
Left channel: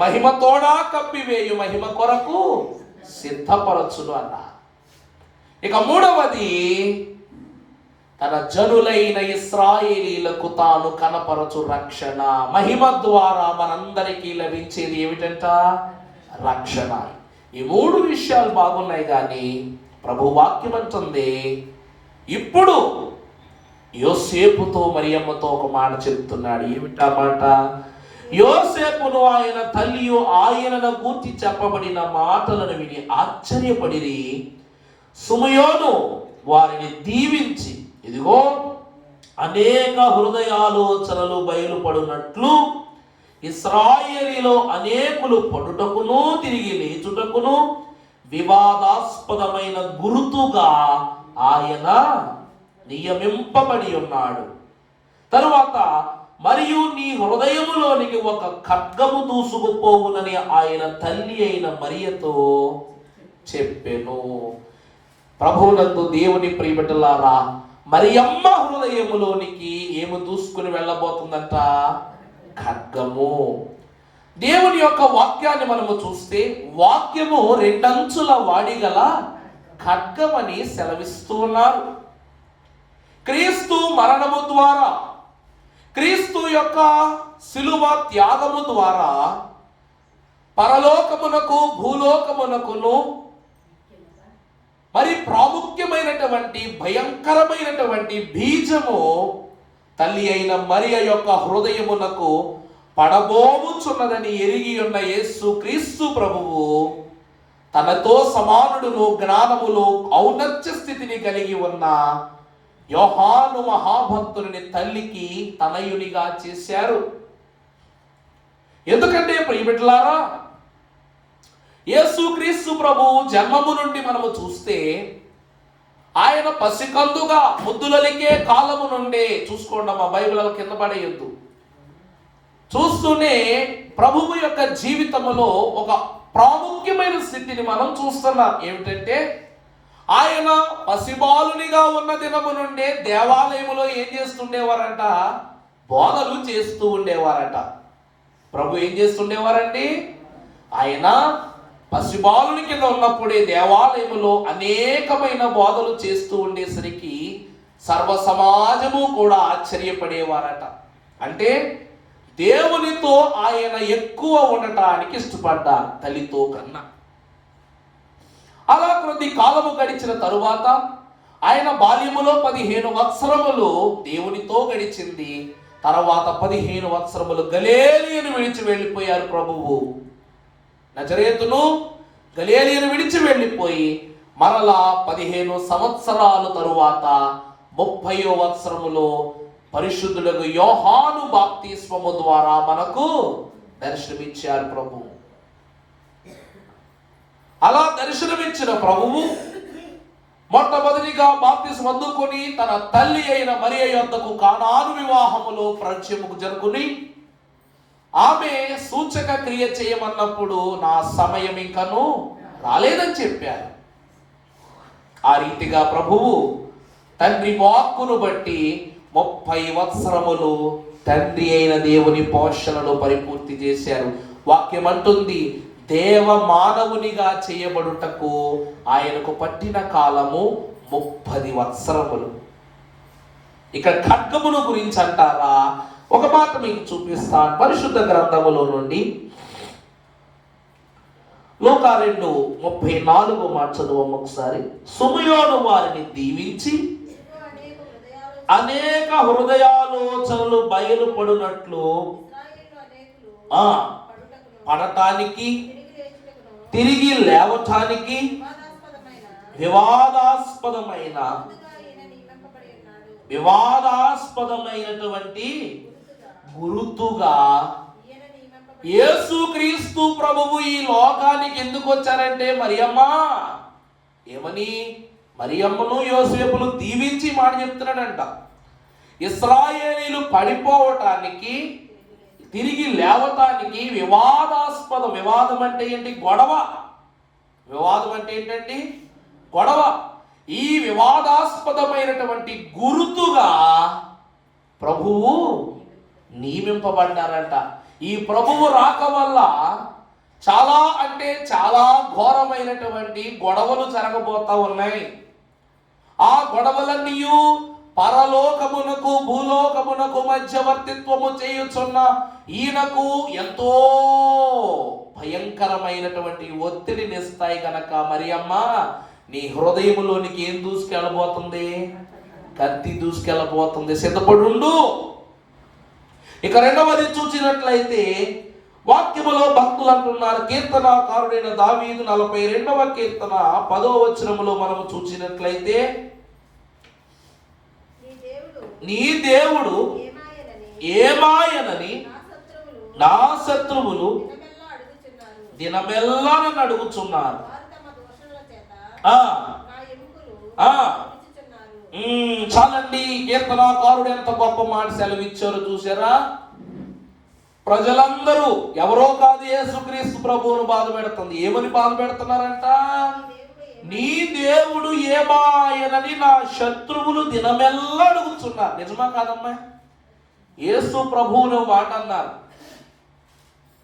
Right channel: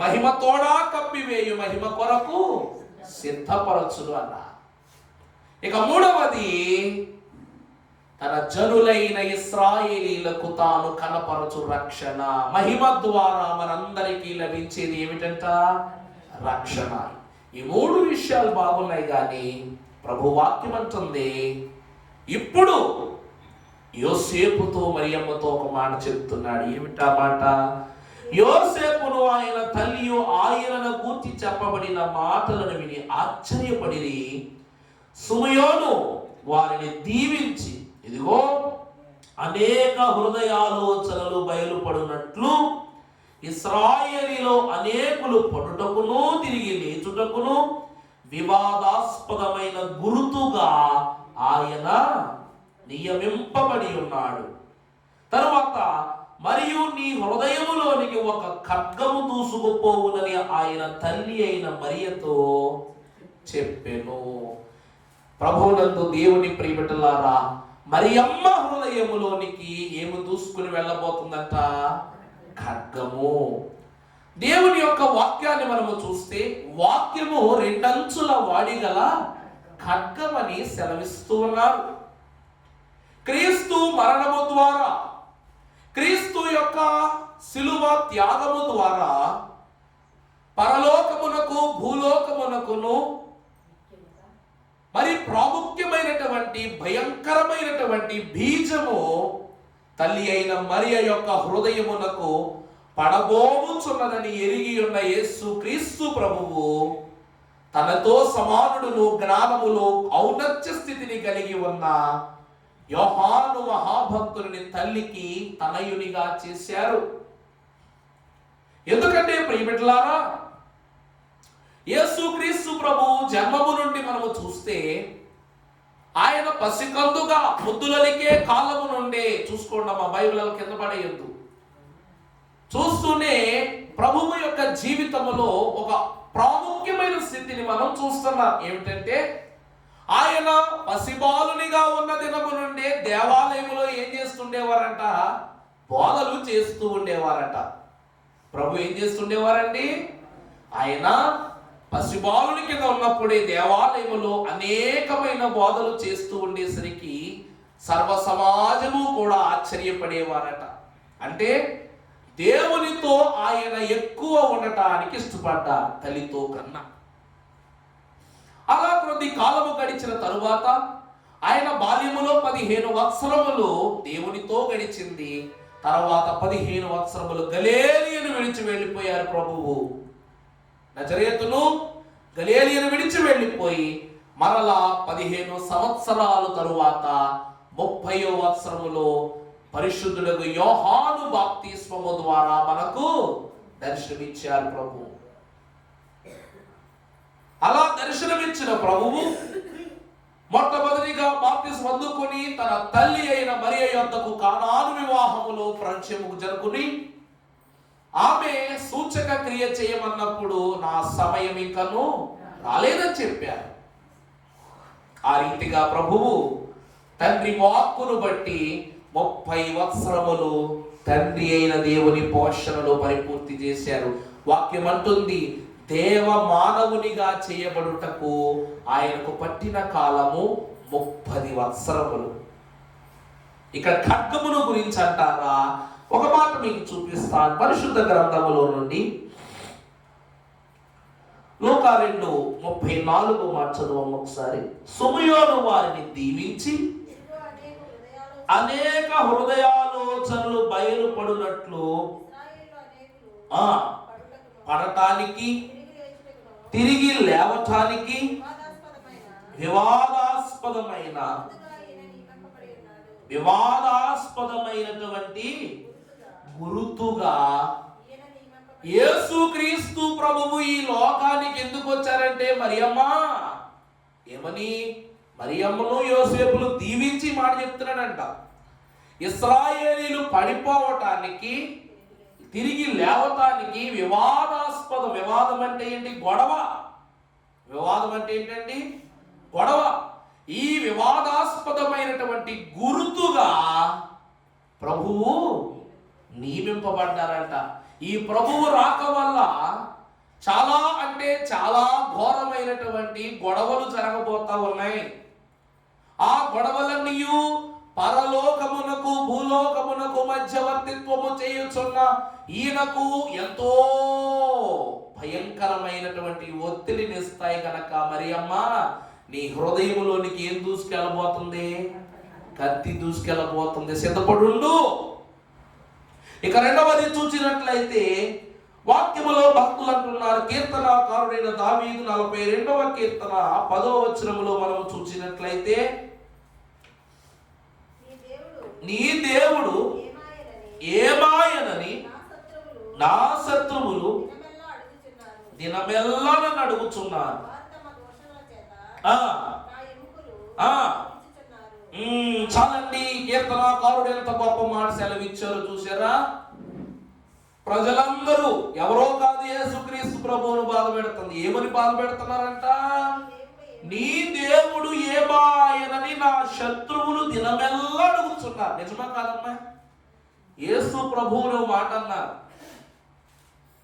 మహిమతోడా కప్పివేయు మహిమ కొరకు సిద్ధపరచును అన్నారు. ఇక మూడవది, తన జనులైన ఇశ్రాయేలీలకు తాను కనపరచు రక్షణ. మహిమ ద్వారా మనందరికీ లభించేది ఏమిటంట? రక్షణ. ఈ 3 విషయాలు బాగున్నాయి, కానీ ప్రభు వాక్యం అంటుంది, ఇప్పుడు యోసేపుతో మరియమ్మతో ఒక మాట చెప్తున్నాడు. ఏమిటా మాట? యోసేపును ఆయన తల్లియు ఆయనను గూర్చి చెప్పబడిన మాటలను విని ఆశ్చర్యపడిరి. సుమయోను వారిని దీవించి, ఇదిగో అనేక హృదయాలోచనలు బయలుపడినట్లు ఇశ్రాయేలీలో అనేకులు పడుటకును తిరిగి లేచుటకును వివాదాస్పదమైన గురుతుగా ఆయన నియమింపబడి ఉన్నాడు. తరువాత, మరియు నీ హృదయములోనికి ఒక ఖడ్గము దూసుకుపోవునని ఆయన తల్లి అయిన మరియతో చెప్పెను. ప్రభువునందు దేవుని ప్రియబిడ్డలారా, మరియమ్మ హృదయములోనికి ఏమి దూసుకుని వెళ్ళబోతుందంట? ఖడ్గము. దేవుని యొక్క వాక్యాన్ని మనము చూస్తే, వాక్యము 2 అంచుల వాడిగల ఖడ్గమని సెలవిస్తూ ఉన్నారు. క్రీస్తు మరణము ద్వారా, క్రీస్తు యొక్క శిలువ త్యాగము ద్వారా పరలోకమునకు భూలోకమునకును మరి ప్రాముఖ్యమైనటువంటి భయంకరమైనటువంటి బీజము తల్లి అయిన మరియ యొక్క హృదయమునకు పడబోచున్నదని ఎరిగి ఉన్న యేసు క్రీస్తు ప్రభువు తనతో సమానుడును, జ్ఞానములో ఔన్నత్య స్థితిని కలిగి ఉన్న యోహాను మహాభక్తుని తల్లికి తనయునిగా చేశారు. ఎందుకంటే ప్రియబిడ్డలారా, యేసు క్రీస్తు ప్రభువు జన్మము నుండి మనము చూస్తే, ఆయన పసికందుగా ముద్దులలికే కాలము నుండే, చూసుకోండి మా బైబిల్ కింద పడేయొద్దు, చూస్తూనే ప్రభువు యొక్క జీవితంలో ఒక ప్రాముఖ్యమైన స్థితిని మనం చూస్తున్నాం. ఏమిటంటే, ఆయన పసిబాలునిగా ఉన్న దినము నుండే దేవాలయములో ఏం చేస్తుండేవారంట? బోధలు చేస్తూ ఉండేవారట. ప్రభు ఏం చేస్తుండేవారండి? ఆయన పసిబాలుని కింద ఉన్నప్పుడే దేవాలయములో అనేకమైన బోధలు చేస్తూ ఉండేసరికి సర్వ సమాజము కూడా ఆశ్చర్యపడేవారట. అంటే దేవునితో ఆయన ఎక్కువ ఉండటానికి ఇష్టపడ్డారు తల్లితో కన్నా. అలా కొద్ది కాలము గడిచిన తరువాత ఆయన బాల్యములో 15 సంవత్సరములు దేవునితో గడిచింది. తర్వాత 15 సంవత్సరములు గలిలయను విడిచి వెళ్ళిపోయారు ప్రభువు. నజరేతును గలిలయను విడిచి వెళ్ళిపోయి మరలా 15 సంవత్సరాల తరువాత 30వ సంవత్సరములో పరిశుద్ధులకు యోహాను బాప్తిస్మము ద్వారా మనకు దర్శనమిచ్చారు ప్రభువు. అలా దర్శనమిచ్చిన ప్రభువు మొట్టమొదటిగా బాప్తిస్మం అందుకొని తన తల్లి అయిన మరియ యొద్దకు కానాను వివాహములో పరిచయము జరుగుని ఆమె సూచక క్రియ చేయమన్నప్పుడు నా సమయం ఇంకను రాలేదని చెప్పారు. ఆ రీతిగా ప్రభువు తండ్రి వాక్కును బట్టి 30 సంవత్సరములు తండ్రి అయిన దేవుని పోషణలో పరిపూర్తి చేశారు. వాక్యం అంటుంది, దేవ మానవునిగా చేయబడుటకు ఆయనకు పట్టిన కాలము 30 సంవత్సరములు. ఇక్కడ ఖడ్గమును గురించి అంటారా? ఒక మాట మీకు చూపిస్తాను. పరిశుద్ధ గ్రంథములో నుండి లూకా 2:34 మాట చదువు ఒకసారి. సుమయోను వారిని దీవించి అనేక హృదయాలోచనలు బయలుపడినట్లు పడటానికి తిరిగి లేవటానికి వివాదాస్పదమైనటువంటి గురుతుగా యేసుక్రీస్తు ప్రభువు ఈ లోకానికి ఎందుకు వచ్చారంటే మరియమ్మ ఏమని మరియమ్మను యోసేపును దీవించి మాట చెప్తున్నాడంట. ఇశ్రాయేలీలు పడిపోవటానికి తిరిగి లేవటానికి వివాదం అంటే ఏంటి? గొడవ. వివాదం అంటే ఏంటండి? గొడవ. ఈ వివాదాస్పదమైనటువంటి గుర్తుగా ప్రభువు నియమింపబడ్డారంట. ఈ ప్రభువు రాక వల్ల చాలా అంటే చాలా ఘోరమైనటువంటి గొడవలు జరగబోతా ఉన్నాయి. ఆ గొడవలన్నీ పరలోకమునకు భూలోకమునకు మధ్యవర్తిత్వము చేయుచున్న ఈయనకు ఎంతో భయంకరమైనటువంటి ఒత్తిడిని ఇస్తాయి గనక మరియమ్మ నీ హృదయములోనికి ఏం దూసుకెళ్ళబోతుంది? కత్తి దూసుకెళ్ళబోతుంది, సిద్ధపడుండు. ఇక రెండవది చూసినట్లయితే వాక్యములో భక్తులు అంటున్నారు, కీర్తనాకారుడైన దావీదు 42వ కీర్తన 10వ వచనములో మనం చూసినట్లయితే నీ దేవుడు ఏమాయనని నా శత్రువులు దినమెల్లా నన్ను అడుగుచున్నారు. చాలండి, కీర్తనాకారుడు ఎంత గొప్ప మాట సెలవిచ్చారు చూసారా? ప్రజలందరూ ఎవరో కాదు యేసుక్రీస్తు ప్రభువును బాధ పెడుతుంది. ఏమని బాధ పెడుతున్నారంట? నీ దేవుడు ఏమాయనని నా శత్రువులు దినమెల్లా అడుగుతున్నారు. నిజమా కాదమ్మా? యేసు ప్రభువును మాట అన్నారు.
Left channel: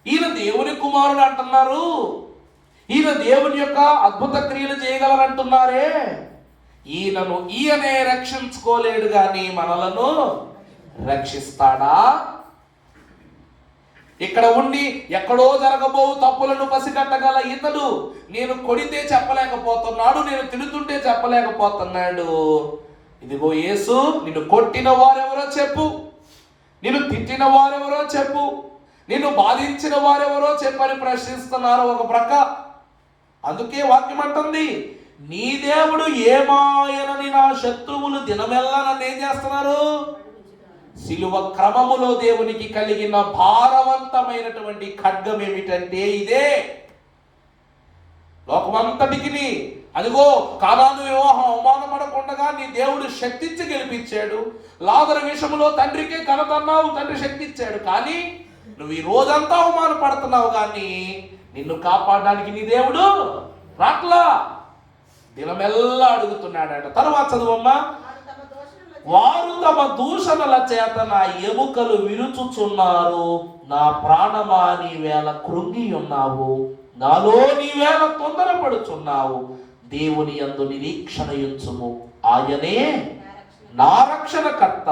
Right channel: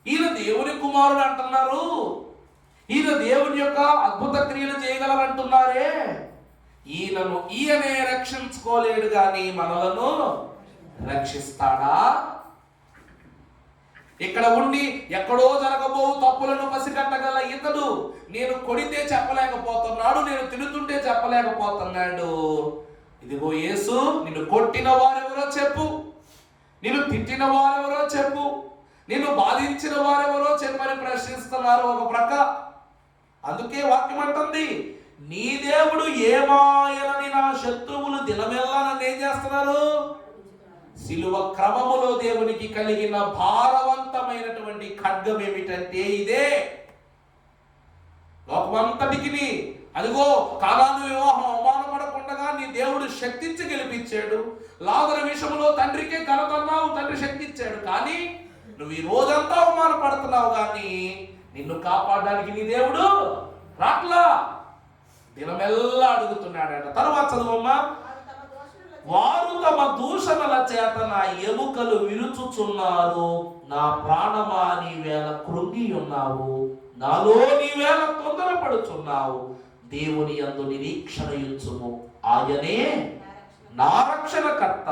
ఈయన దేవుని కుమారుడు అంటున్నారు. ఈయన దేవుని యొక్క అద్భుత క్రియలు చేయగలరంటున్నారే. ఈయనే రక్షించుకోలేడు గాని మనలను రక్షిస్తాడా? ఇక్కడ ఉండి ఎక్కడో జరగబో తప్పులను పసిగట్టగల ఇతడు నేను కొడితే చెప్పలేకపోతున్నాడు, నేను తిడుతుంటే చెప్పలేకపోతున్నాడు. ఇదిగో యేసు, నిన్ను కొట్టిన వారెవరో చెప్పు, నిన్ను తిట్టిన వారెవరో చెప్పు, నిన్ను బాధించిన వారెవరో చెప్పని ప్రశ్నిస్తున్నారు ఒక ప్రక్క. అందుకే వాక్యం అంటుంది, నీ దేవుడు ఏమాయనని నా శత్రువులు దినమెల్లా నన్ను ఏం చేస్తున్నారు? సిలువ క్రమములో దేవునికి కలిగిన భారవంతమైనటువంటి ఖడ్గం ఏమిటంటే ఇదే. లోకమంతటికి అదిగో కానాను వివాహం అవమానపడకుండా నీ దేవుడు శక్తించి గెలిపించాడు. లాజరు విషయంలో తండ్రికే ఘనత అన్నావు, తండ్రి శక్తి ఇచ్చాడు. కానీ నువ్వు ఈ రోజంతా అవమానపడుతున్నావు, కానీ నిన్ను కాపాడడానికి నీ దేవుడు రాట్లా, దినమెల్లా అడుగుతున్నాడంట. తరువాత చదువమ్మా. వారు తమ దూషణల చేత నా ఎముకలు విరుచుచున్నారు, నా ప్రాణమా నీవేళ కృంగి ఉన్నావు, నాలో నీవేళ తొందరపడుచున్నావు. దేవుని యందు నిరీక్షణ ఉంచుము, ఆయనే నా రక్షణకర్త,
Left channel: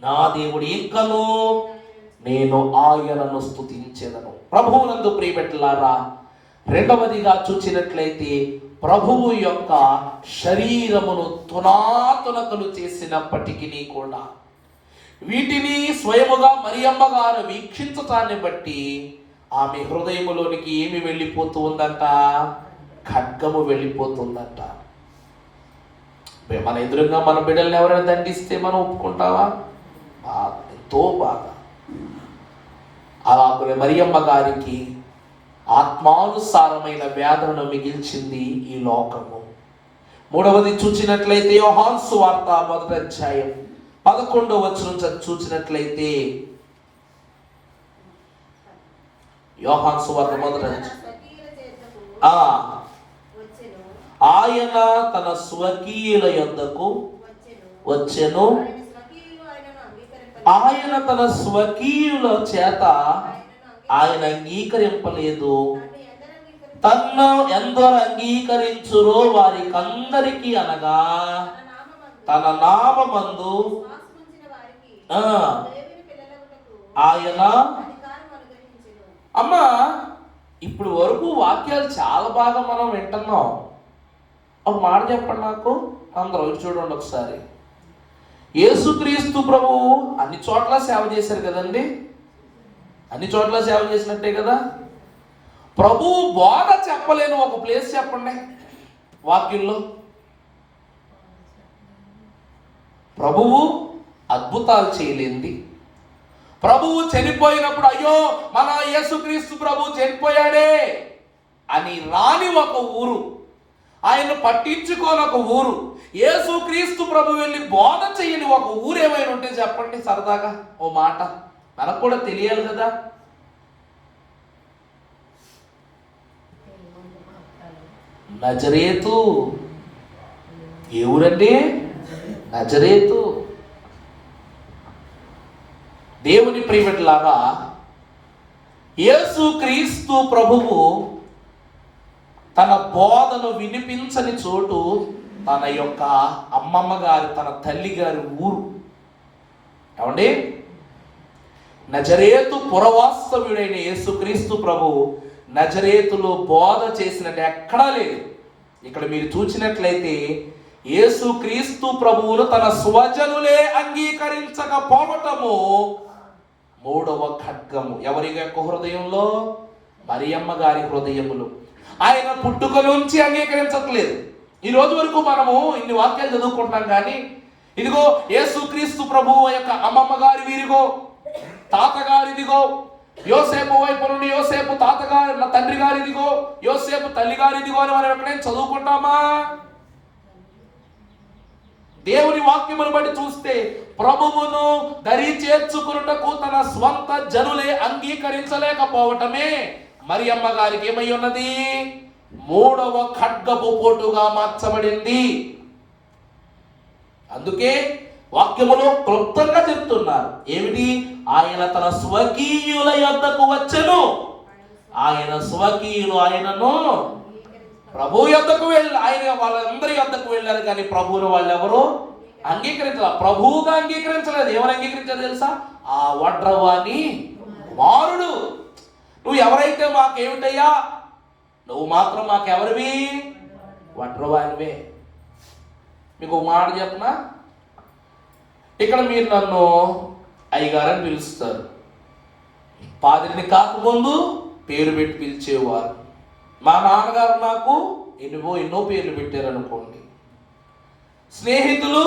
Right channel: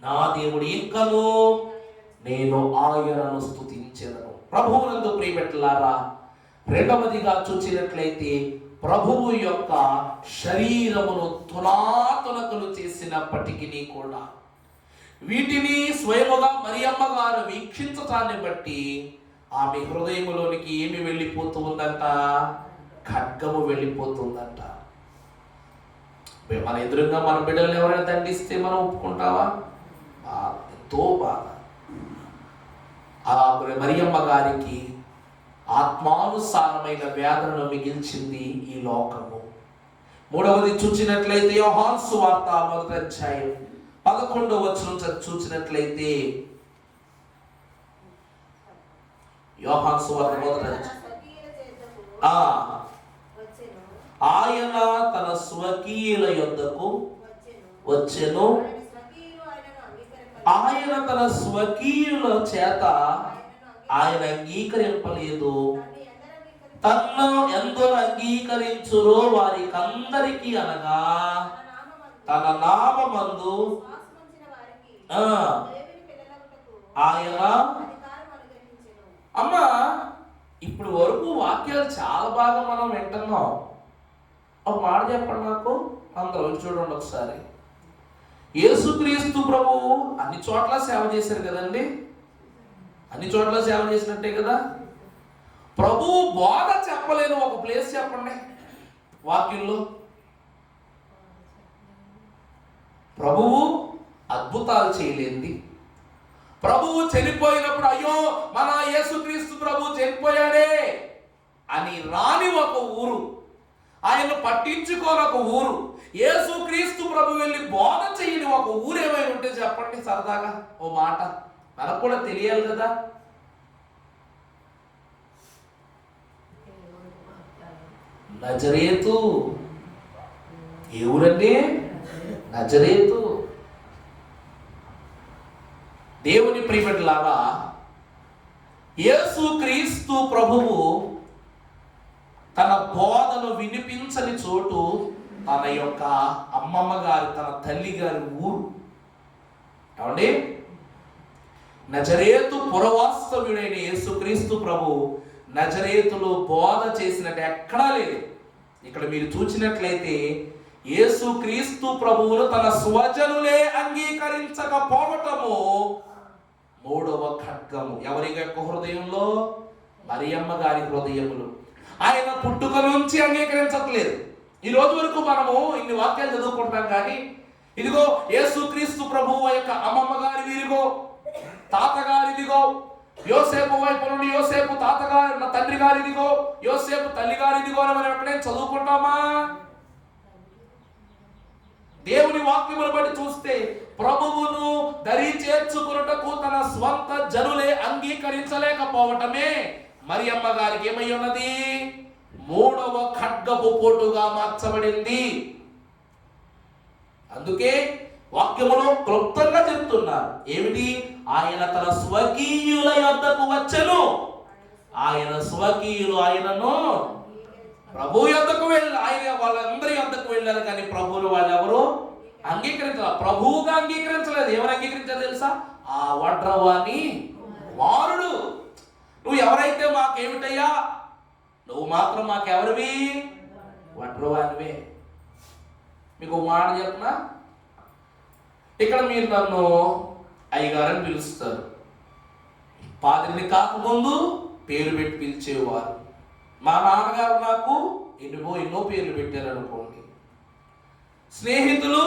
నా దేవుడు ఇంకను నేను ఆయనను స్తుతించెదను. ప్రభువునందు ప్రియబిడ్డలారా, రెండవదిగా చూసినట్లయితే ప్రభువు యొక్క శరీరమును తునాతునకలు చేసినప్పటికీ కూడా వీటిని స్వయముగా మరియమ్మ గారు వీక్షించటాన్ని బట్టి ఆమె హృదయములోనికి ఏమి వెళ్ళిపోతూ ఉందంట? ఖడ్గము వెళ్ళిపోతుందంట. మన ఎదురుగా మన బిడ్డల్ని ఎవరైనా దండిస్తే మనం ఒప్పుకుంటావా? ఎంతో బాధ. అలా మరియమ్మ గారికి ఆత్మానుసారమైన వేదనను మిగిల్చింది ఈ లోకము. మూడవది చూచినట్లయితే యోహాను సువార్త 1వ అధ్యాయం 11వ వచనం చూచినట్లయితే, యోహాను సువార్త 1వ అధ్యాయం, ఆయన తన స్వకీయుల యొద్దకు వచ్చెను, ఆయన తన స్వకీయుల చేత ఆయన అంగీకరింపలేదు. తన్ను ఎందరు అంగీకరించురో వారికందరికీ, అనగా తన నామమందు ఆయన. అమ్మా, ఇప్పుడు వరకు వాక్యాలు చాలా బాగా మనం వింటున్నాం. ఒక మాట చెప్పండి నాకు, అందరూ చూడండి ఒకసారి. యేసుక్రీస్తు ప్రభు అన్ని చోట్ల సేవ చేశారు కదండి, అన్ని చోట్ల సేవ చేసినట్టే కదా. ప్రభువు బోధ చెప్పలేని ఒక ప్లేస్ చెప్పండి వాక్యంలో. ప్రభువు అద్భుతాలు చేయలేంది, ప్రభువు చనిపోయినప్పుడు అయ్యో మన యేసుక్రీస్తు ప్రభు చనిపోయాడే అని రాని ఒక ఊరు, ఆయన పట్టించుకోని ఒక ఊరు, యేసుక్రీస్తు ప్రభు వెళ్ళి బోధ చేయని ఒక ఊరు ఏమైనా ఉంటే చెప్పండి సరదాగా ఓ మాట, మనకు కూడా తెలియాలి కదా. నజరేతు. ఏ ఊరండి? నజరేతు. దేవుని ప్రియబిడ్డలారా, యేసుక్రీస్తు ప్రభువు తన బోధను వినిపించని చోటు తన యొక్క అమ్మమ్మ గారి, తన తల్లి గారి ఊరు. ఏమండి? నజరేతు పురవాస్తవ్యుడైన యేసుక్రీస్తు ప్రభు నజరేతులో బోధ చేసినట్టు ఎక్కడా లేదు. ఇక్కడ మీరు చూసినట్లయితే యేసుక్రీస్తు ప్రభువును తన స్వజనులే అంగీకరించకపోవటము మూడవ ఖడ్గము. ఎవరి యొక్క హృదయంలో? మరియమ్మ గారి హృదయములు. ఆయన పుట్టుక నుంచి అంగీకరించట్లేదు. ఈ రోజు వరకు మనము ఇన్ని వాక్యాలు చదువుకుంటాం, కానీ ఇదిగో యేసుక్రీస్తు ప్రభువు యొక్క అమ్మమ్మ గారి వీరిగో, తాతగారిదిగో, యోసేపు వైపు నుండి యోసేపు తాతగారి తండ్రి గారిదిగో, యోసేపు తల్లి గారిదిగో అని మనం ఎక్కడైనా చదువుకుంటామా? దేవుని వాక్యమును బట్టి చూస్తే ప్రభువును దరి చేర్చుకున్నటకు తన స్వంత జనులే అంగీకరించలేకపోవటమే మరియమ్మ గారికి ఏమై ఉన్నది? మూడవ ఖడ్గపు పోటుగా మార్చబడింది. అందుకే వాక్యములో క్లుప్తంగా చెప్తున్నారు. ఏమిటి? ఆయన తన స్వకీయుల యొద్దకు వచ్చెను. ఆయన స్వకీయులు ఆయనను ప్రభు యొద్దకు వెళ్ళి, ఆయన వాళ్ళందరి యొద్దకు వెళ్ళారు, కానీ ప్రభువును వాళ్ళు ఎవరు అంగీకరించాలి? ప్రభువుగా అంగీకరించలేదు. ఏమని అంగీకరించారు తెలుసా? ఆ వడ్రవాని కుమారుడు. నువ్వు ఎవరైతే మాకేమిటయ్యా, నువ్వు మాత్రం మాకెవరివి? వడ్రవానివే. మీకు ఒక మాట చెప్పనా, ఇక్కడ మీరు నన్ను అయ్యగారని పిలుస్తారు. పాదిరిని కాకముందు పేరు పెట్టి పిలిచేవారు. మా నాన్నగారు నాకు ఎన్నో పేర్లు పెట్టారు అనుకోండి. స్నేహితులు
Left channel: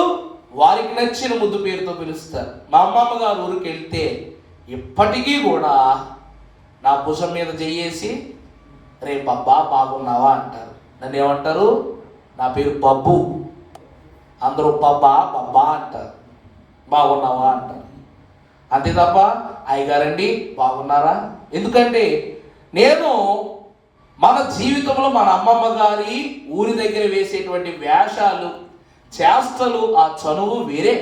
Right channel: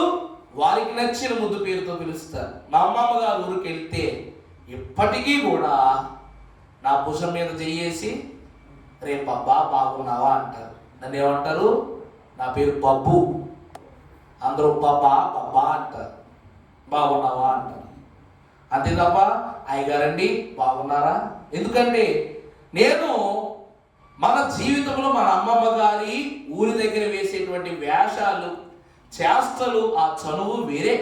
వారికి నచ్చిన ముద్దు పేరుతో పిలుస్తారు. మా అమ్మమ్మ గారు ఊరికి వెళ్తే ఇప్పటికీ కూడా నా భుజం మీద చెయ్యేసి రే బబ్బా బాగున్నావా అంటారు. నన్ను ఏమంటారు? నా పేరు బబ్బు. అందరూ బబ్బా బబ్బా అంటారు, బాగున్నావా అంటారు. అంతే తప్ప అయ్యగారండి బాగున్నారా? ఎందుకంటే నేను మన జీవితంలో మన అమ్మమ్మ గారి ఊరి దగ్గర వేసేటువంటి వేషాలు, చేష్టలు, ఆ చనువు వేరే.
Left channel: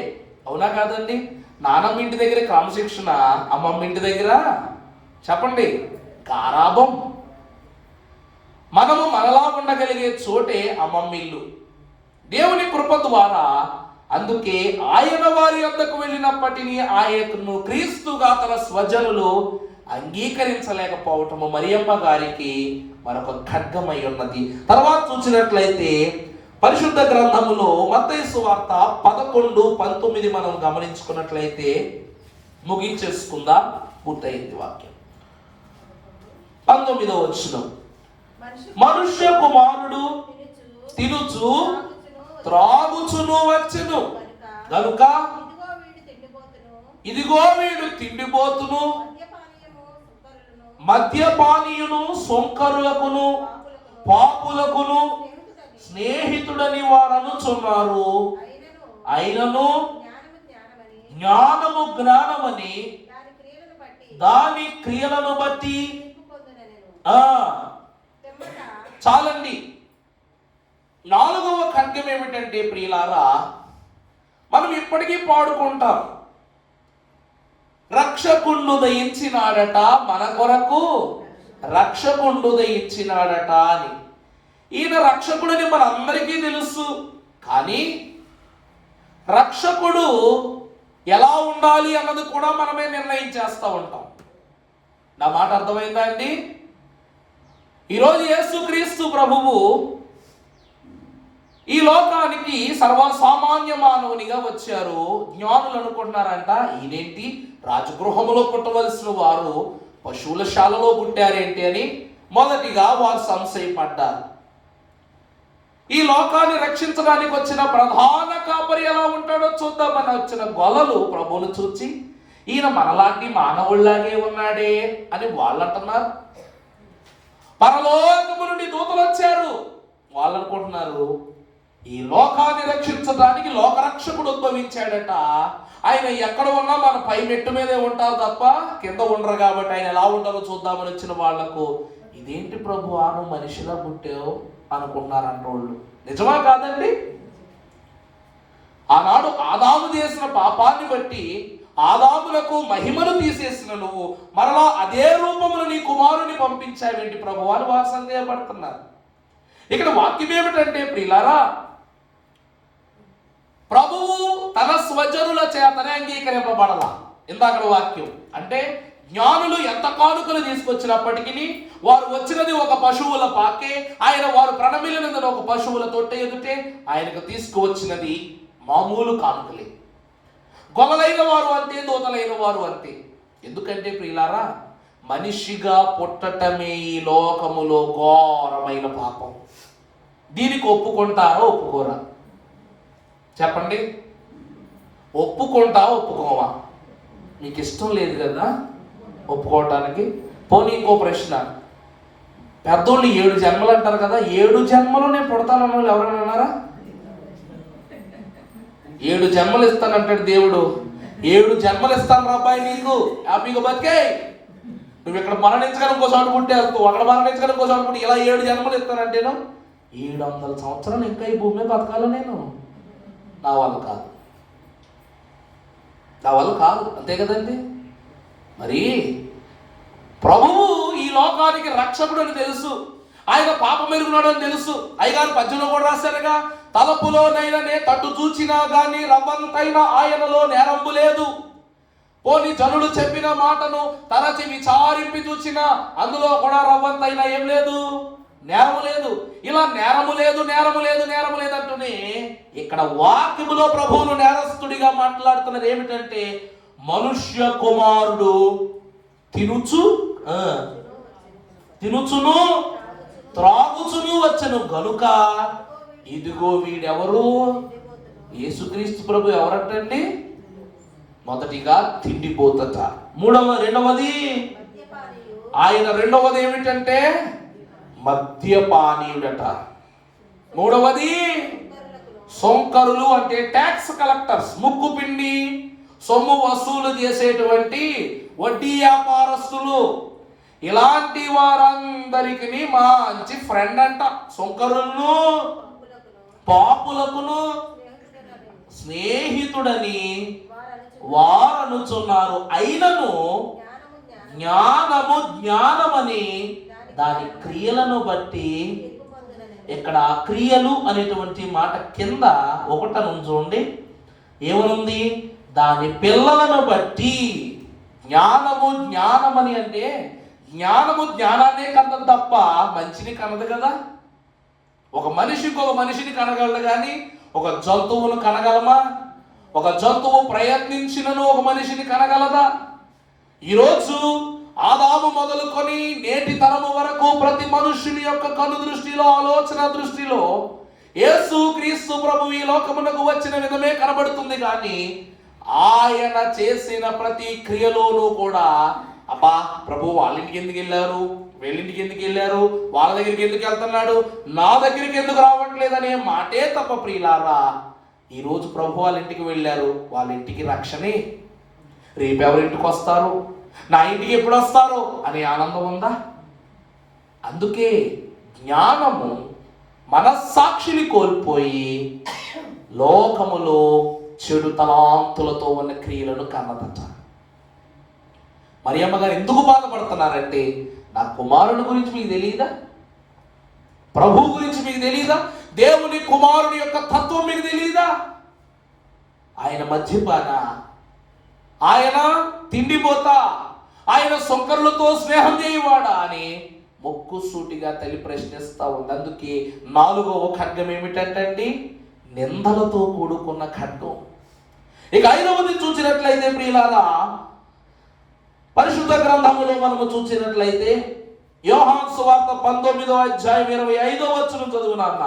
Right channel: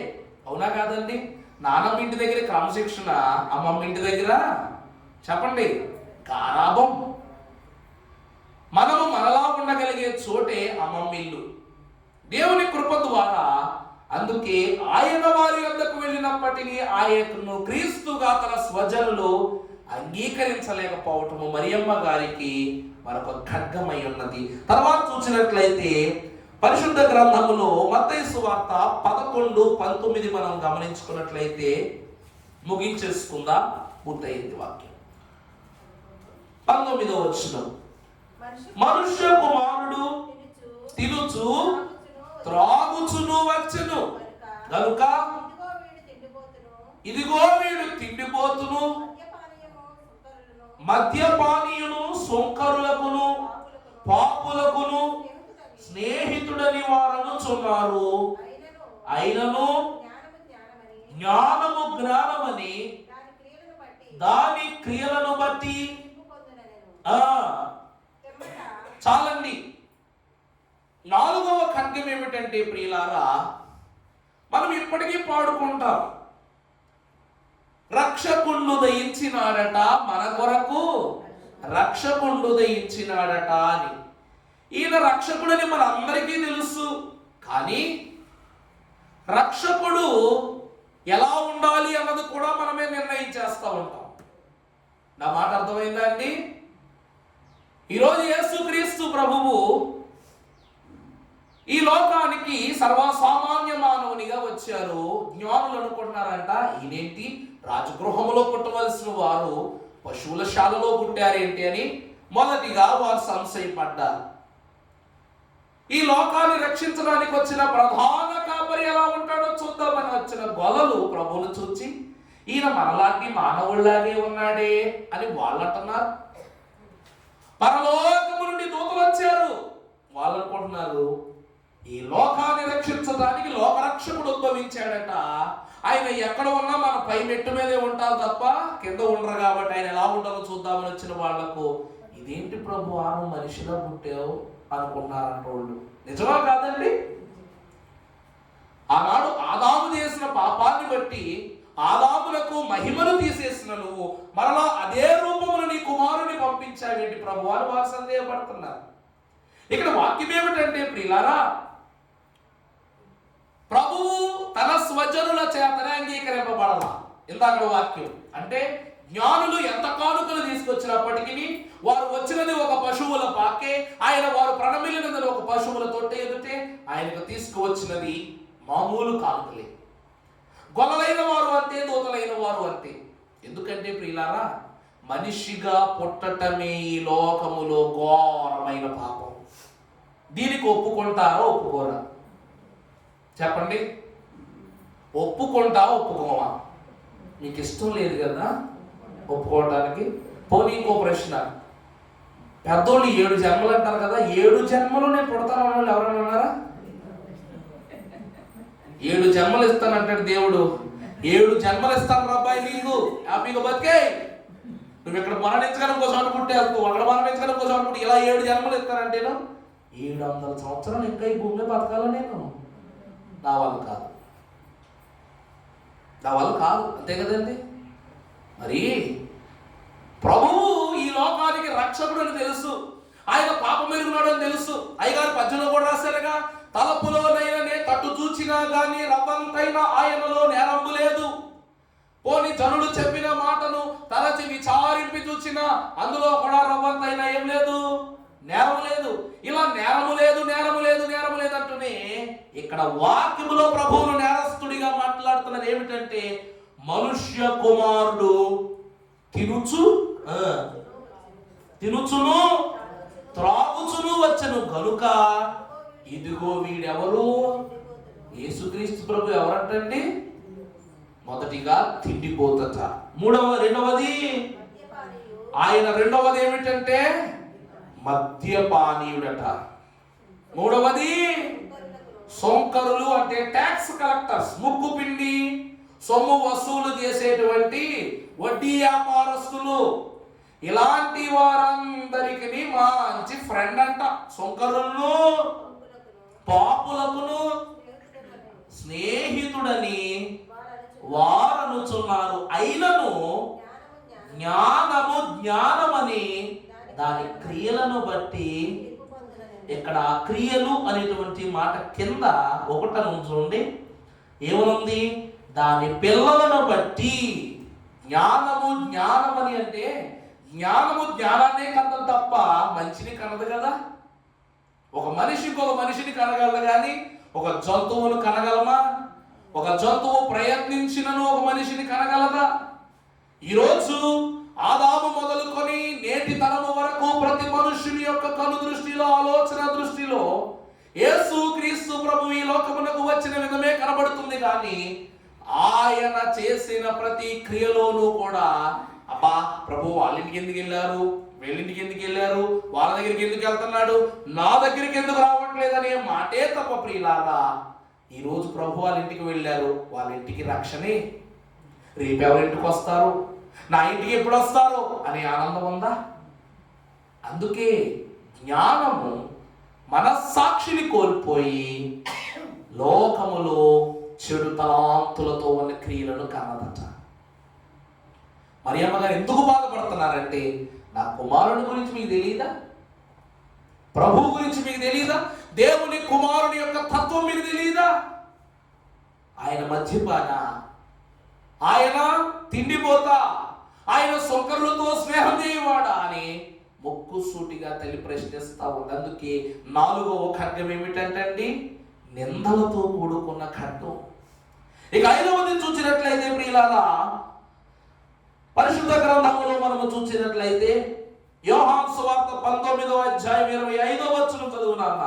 అవునా కాదండి? నానమ్మ ఇంటి దగ్గర క్రమశిక్షణ, అమ్మమ్మ ఇంటి దగ్గర చెప్పండి గారాబం. మనము మనలా ఉండగలిగే చోటే అమ్మమ్మ ఇల్లు. దేవుని కృప ద్వారా అందుకే ఆయన వారి వద్దకు వెళ్ళినప్పటికీ ఆయనను క్రీస్తుగా తన స్వజనులు అంగీకరించలేకపోవటము మరియమ్మ గారికి మరొక ఖడ్గమై ఉన్నది. తర్వాత చూసినట్లయితే పరిశుద్ధ గ్రంథములో మత్తయి సువార్త 11:19 మనం గమనించుకున్నట్లయితే ముగించేసుకుందాం, పూర్తయింది వాక్యం. 19వ వచనం, మనుష్య కుమారుడు తినుచు త్రాగుచును వచ్చెను గనుక ఇదిగో వీడు తిండిపోతును మద్యపానీయును సొంకరులకును పాపులకును స్నేహితుడని వారనుచున్నారు. అయినను జ్ఞానము జ్ఞానమని దాని క్రియలను బట్టి. చాలండి. 4వ ఖడ్గం ఏమిటంటే ప్రియులారా, మనం ఇప్పటికీ పాడుకుంటాం, రక్షకుండు దయించినాడట మన కొరకు, రక్షకుండు దయించినాడట అని. ఈయన రక్షకుడని మనందరికీ తెలుసు. కానీ రక్షకుడు ఎలా ఉండాలి అన్నది కూడా మనమే నిర్ణయం చేస్తూ ఉంటాం. నా మాట అర్థమైందా అండి? ఈరోజు యేసుక్రీస్తు ప్రభువు ఈ లోకానికి సర్వసామాన్య మానవునిగా వచ్చారు. జ్ఞానులు అనుకుంటున్నారంట, ఈయనేంటి రాజగృహంలో పుట్టవలసిన వారు పశువుల శాలలో పుట్టారేంటి అని మొదటిగా వారు సంశయపడ్డారు. ఈ లోకాన్ని రక్షించడానికి వచ్చిన ప్రధాన కాపరి ఎలా ఉంటాడో చూద్దామని వచ్చిన గొల్లలు ప్రభువును చూచి, ఈయన మనలాంటి మానవుల్లాగే ఉన్నాడే అని వాళ్ళు అంటున్నారు. పరలోకము నుండి దూతలు వచ్చారు, వాళ్ళు అనుకుంటున్నారు ఈ లోకాన్ని రక్షించడానికి లోకరక్షకుడు ఉద్భవించాడట. ఆయన ఎక్కడ ఉన్నా మన పై మెట్టు మీదే ఉంటారు తప్ప కింద ఉండరు. కాబట్టి ఆయన ఎలా ఉండాలో చూద్దామని వచ్చిన వాళ్లకు, ఇదేంటి ప్రభు నువ్వు మనిషిలా పుట్టావు అనుకున్నారంట వాళ్ళు. నిజమా కాదండి? ఆనాడు ఆదాము చేసిన పాపాన్ని బట్టి ఆదాములకు మహిమను తీసేసిన నువ్వు మరలా అదే రూపమును నీ కుమారుని పంపించావేంటి ప్రభు అని వారు సందేహపడుతున్నారు. ఇక్కడ వాక్యం ఏమిటంటే ప్రియులారా, ప్రభువు తన స్వజనుల చేతనే అంగీకరింపబడాల. ఇందాక వాక్యం అంటే జ్ఞానులు ఎంత కానుకలు తీసుకొచ్చినప్పటికీ వారు వచ్చినది ఒక పశువుల పాకే, ఆయన వారు ప్రణమిలినది ఒక పశువుల తొట్టె ఎదుటే, ఆయనకు తీసుకువచ్చినది మామూలు కానుకలే. గొల్లలైన వారు అంతే, దూతలైన వారు అంతే. ఎందుకంటే ప్రియులారా, మనిషిగా పుట్టటమే ఈ లోకములో ఘోరమైన పాపం. దీనికి ఒప్పుకుంటారా ఒప్పుకోరా చెప్పండి? ఒప్పుకుంటావా ఒప్పుకోవా? నీకు ఇష్టం లేదు కదా ఒప్పుకోవటానికి. పోనీ ఇంకో ప్రశ్న, పెద్దోళ్ళు 7 జన్మలు అంటారు కదా, 7 జన్మలు నేను పుడతాను వాళ్ళు ఎవరైనా ఉన్నారా? 7 జన్మలు ఇస్తానంటాడు దేవుడు. 7 జన్మలు ఇస్తాను అబ్బాయి నీకు, హ్యాపీగా బతికే. నువ్వు ఇక్కడ మరణించడానికి కోసం అనుకుంటే అక్కడ మరణించడానికి కోసం అనుకుంటే ఇలా 7 జన్మలు ఇస్తానంటేను 700 సంవత్సరాలు ఇంకా ఈ భూమి బతకాలి నేను. నా వల్ల కాదు, నా వల్ల కాదు, అంతే కదండి. మరి ప్రభువు ఈ లోకానికి రక్షకుడు అని తెలుసు, ఆయన పాపం ఎరుగున్నాడు అని తెలుసు. అయ్యగారు 18లో కూడా రాశారుగా, తలపులోనైనా తట్టు చూచినా గాని రవ్వంతైన ఆయనలో నేరంబు లేదు. పోని జనులు చెప్పిన మాటను తరచి విచారింపి చూచినా అందులో కూడా రవ్వంతైనా ఏం లేదు, నేరము లేదు. ఇలా నేరము లేదు నేరము లేదు నేరము లేదు అంటూనే ఇక్కడ వాక్యములో ప్రభువును నేరస్తుడిగా మాట్లాడుతున్నది ఏమిటంటే, మనుష్య కుమారుడు తినుచును త్రాగుచును వచ్చెను గనుక ఇదిగో వీడెవరు? యేసుక్రీస్తు ప్రభు ఎవరంటండి? మొదటిగా తిండిపోతట, రెండవది ఆయన రెండవది ఏమిటంటే మద్యపానీయుడట, మూడవది సొంకరులు అంటే ట్యాక్స్ కలెక్టర్స్, ముక్కు పిండి సొమ్ము వసూలు చేసేటువంటి వడ్డీ వ్యాపారస్తులు. ఇలాంటి వారందరికీ మంచి ఫ్రెండ్ అంట. సొంకరులను పాపులకును స్నేహితుడని వారనుచున్నారు. అయినను జ్ఞానమని దాని క్రియలను బట్టి. ఇక్కడ క్రియలు అనేటువంటి మాట కింద 1 చూడండి ఏమనుంది? దాని పిల్లలను బట్టి. జ్ఞానమని అంటే జ్ఞానము జ్ఞానాన్నే కన్నది తప్ప మంచిని కనదు కదా. ఒక మనిషికి ఒక మనిషిని కనగలదు కానీ ఒక జంతువును కనగలమా? ఒక జంతువు ప్రయత్నించినను ఒక మనిషిని కనగలదా? ఈరోజు ఆదాము మొదలుకొని నేటి తరము వరకు ప్రతి మనుష్యుని యొక్క కను దృష్టిలో, ఆలోచన దృష్టిలో యేసు క్రీస్తు ప్రభు ఈ లోకమునకు వచ్చిన విధమే కనబడుతుంది. కానీ ఆయన చేసిన ప్రతి క్రియలోనూ కూడా, అబ్బా ప్రభు వాళ్ళ ఇంటికి ఎందుకు వెళ్ళారు, వీళ్ళింటికి ఎందుకు వెళ్ళారు, వాళ్ళ దగ్గరికి ఎందుకు వెళ్తున్నాడు, నా దగ్గరికి ఎందుకు రావట్లేదనే మాటే తప్ప ప్రియులారా, ఈరోజు ప్రభు వాళ్ళ ఇంటికి వెళ్ళారు, వాళ్ళ ఇంటికి రక్షణే, రేపు ఎవరింటికి వస్తారు, నా ఇంటికి ఎప్పుడు వస్తారు అనే ఆనందం ఉందా? అందుకే జ్ఞానము మనస్సాక్షిని కోల్పోయి లోకములో చెడు తలాంతులతో ఉన్న క్రియలను కన్నదట. మరియమ్మ గారు ఎందుకు బాధపడుతున్నారంటే, నా కుమారుని గురించి మీకు తెలియదా, ప్రభు గురించి మీకు తెలియదా, దేవుని కుమారుని యొక్క తత్వం మీకు తెలియదా, ఆయన మద్యపాన, ఆయన తిండిపోతా, ఆయన సొంకర్లతో స్నేహం చేయవాడా అని ముక్కుసూటిగా తల్లి ప్రశ్నిస్తా ఉంది. అందుకే 4వ ఖడ్గం ఏమిటంటే నిందలతో కూడుకున్న ఖడ్గం. ఇక 5వది చూసినట్లయితే ప్రియులారా, పరిశుద్ధ గ్రంథములో మనము చూసినట్లయితే యోహాను సువార్త 19వ అధ్యాయం 25వ వచనం చదువునాన్న.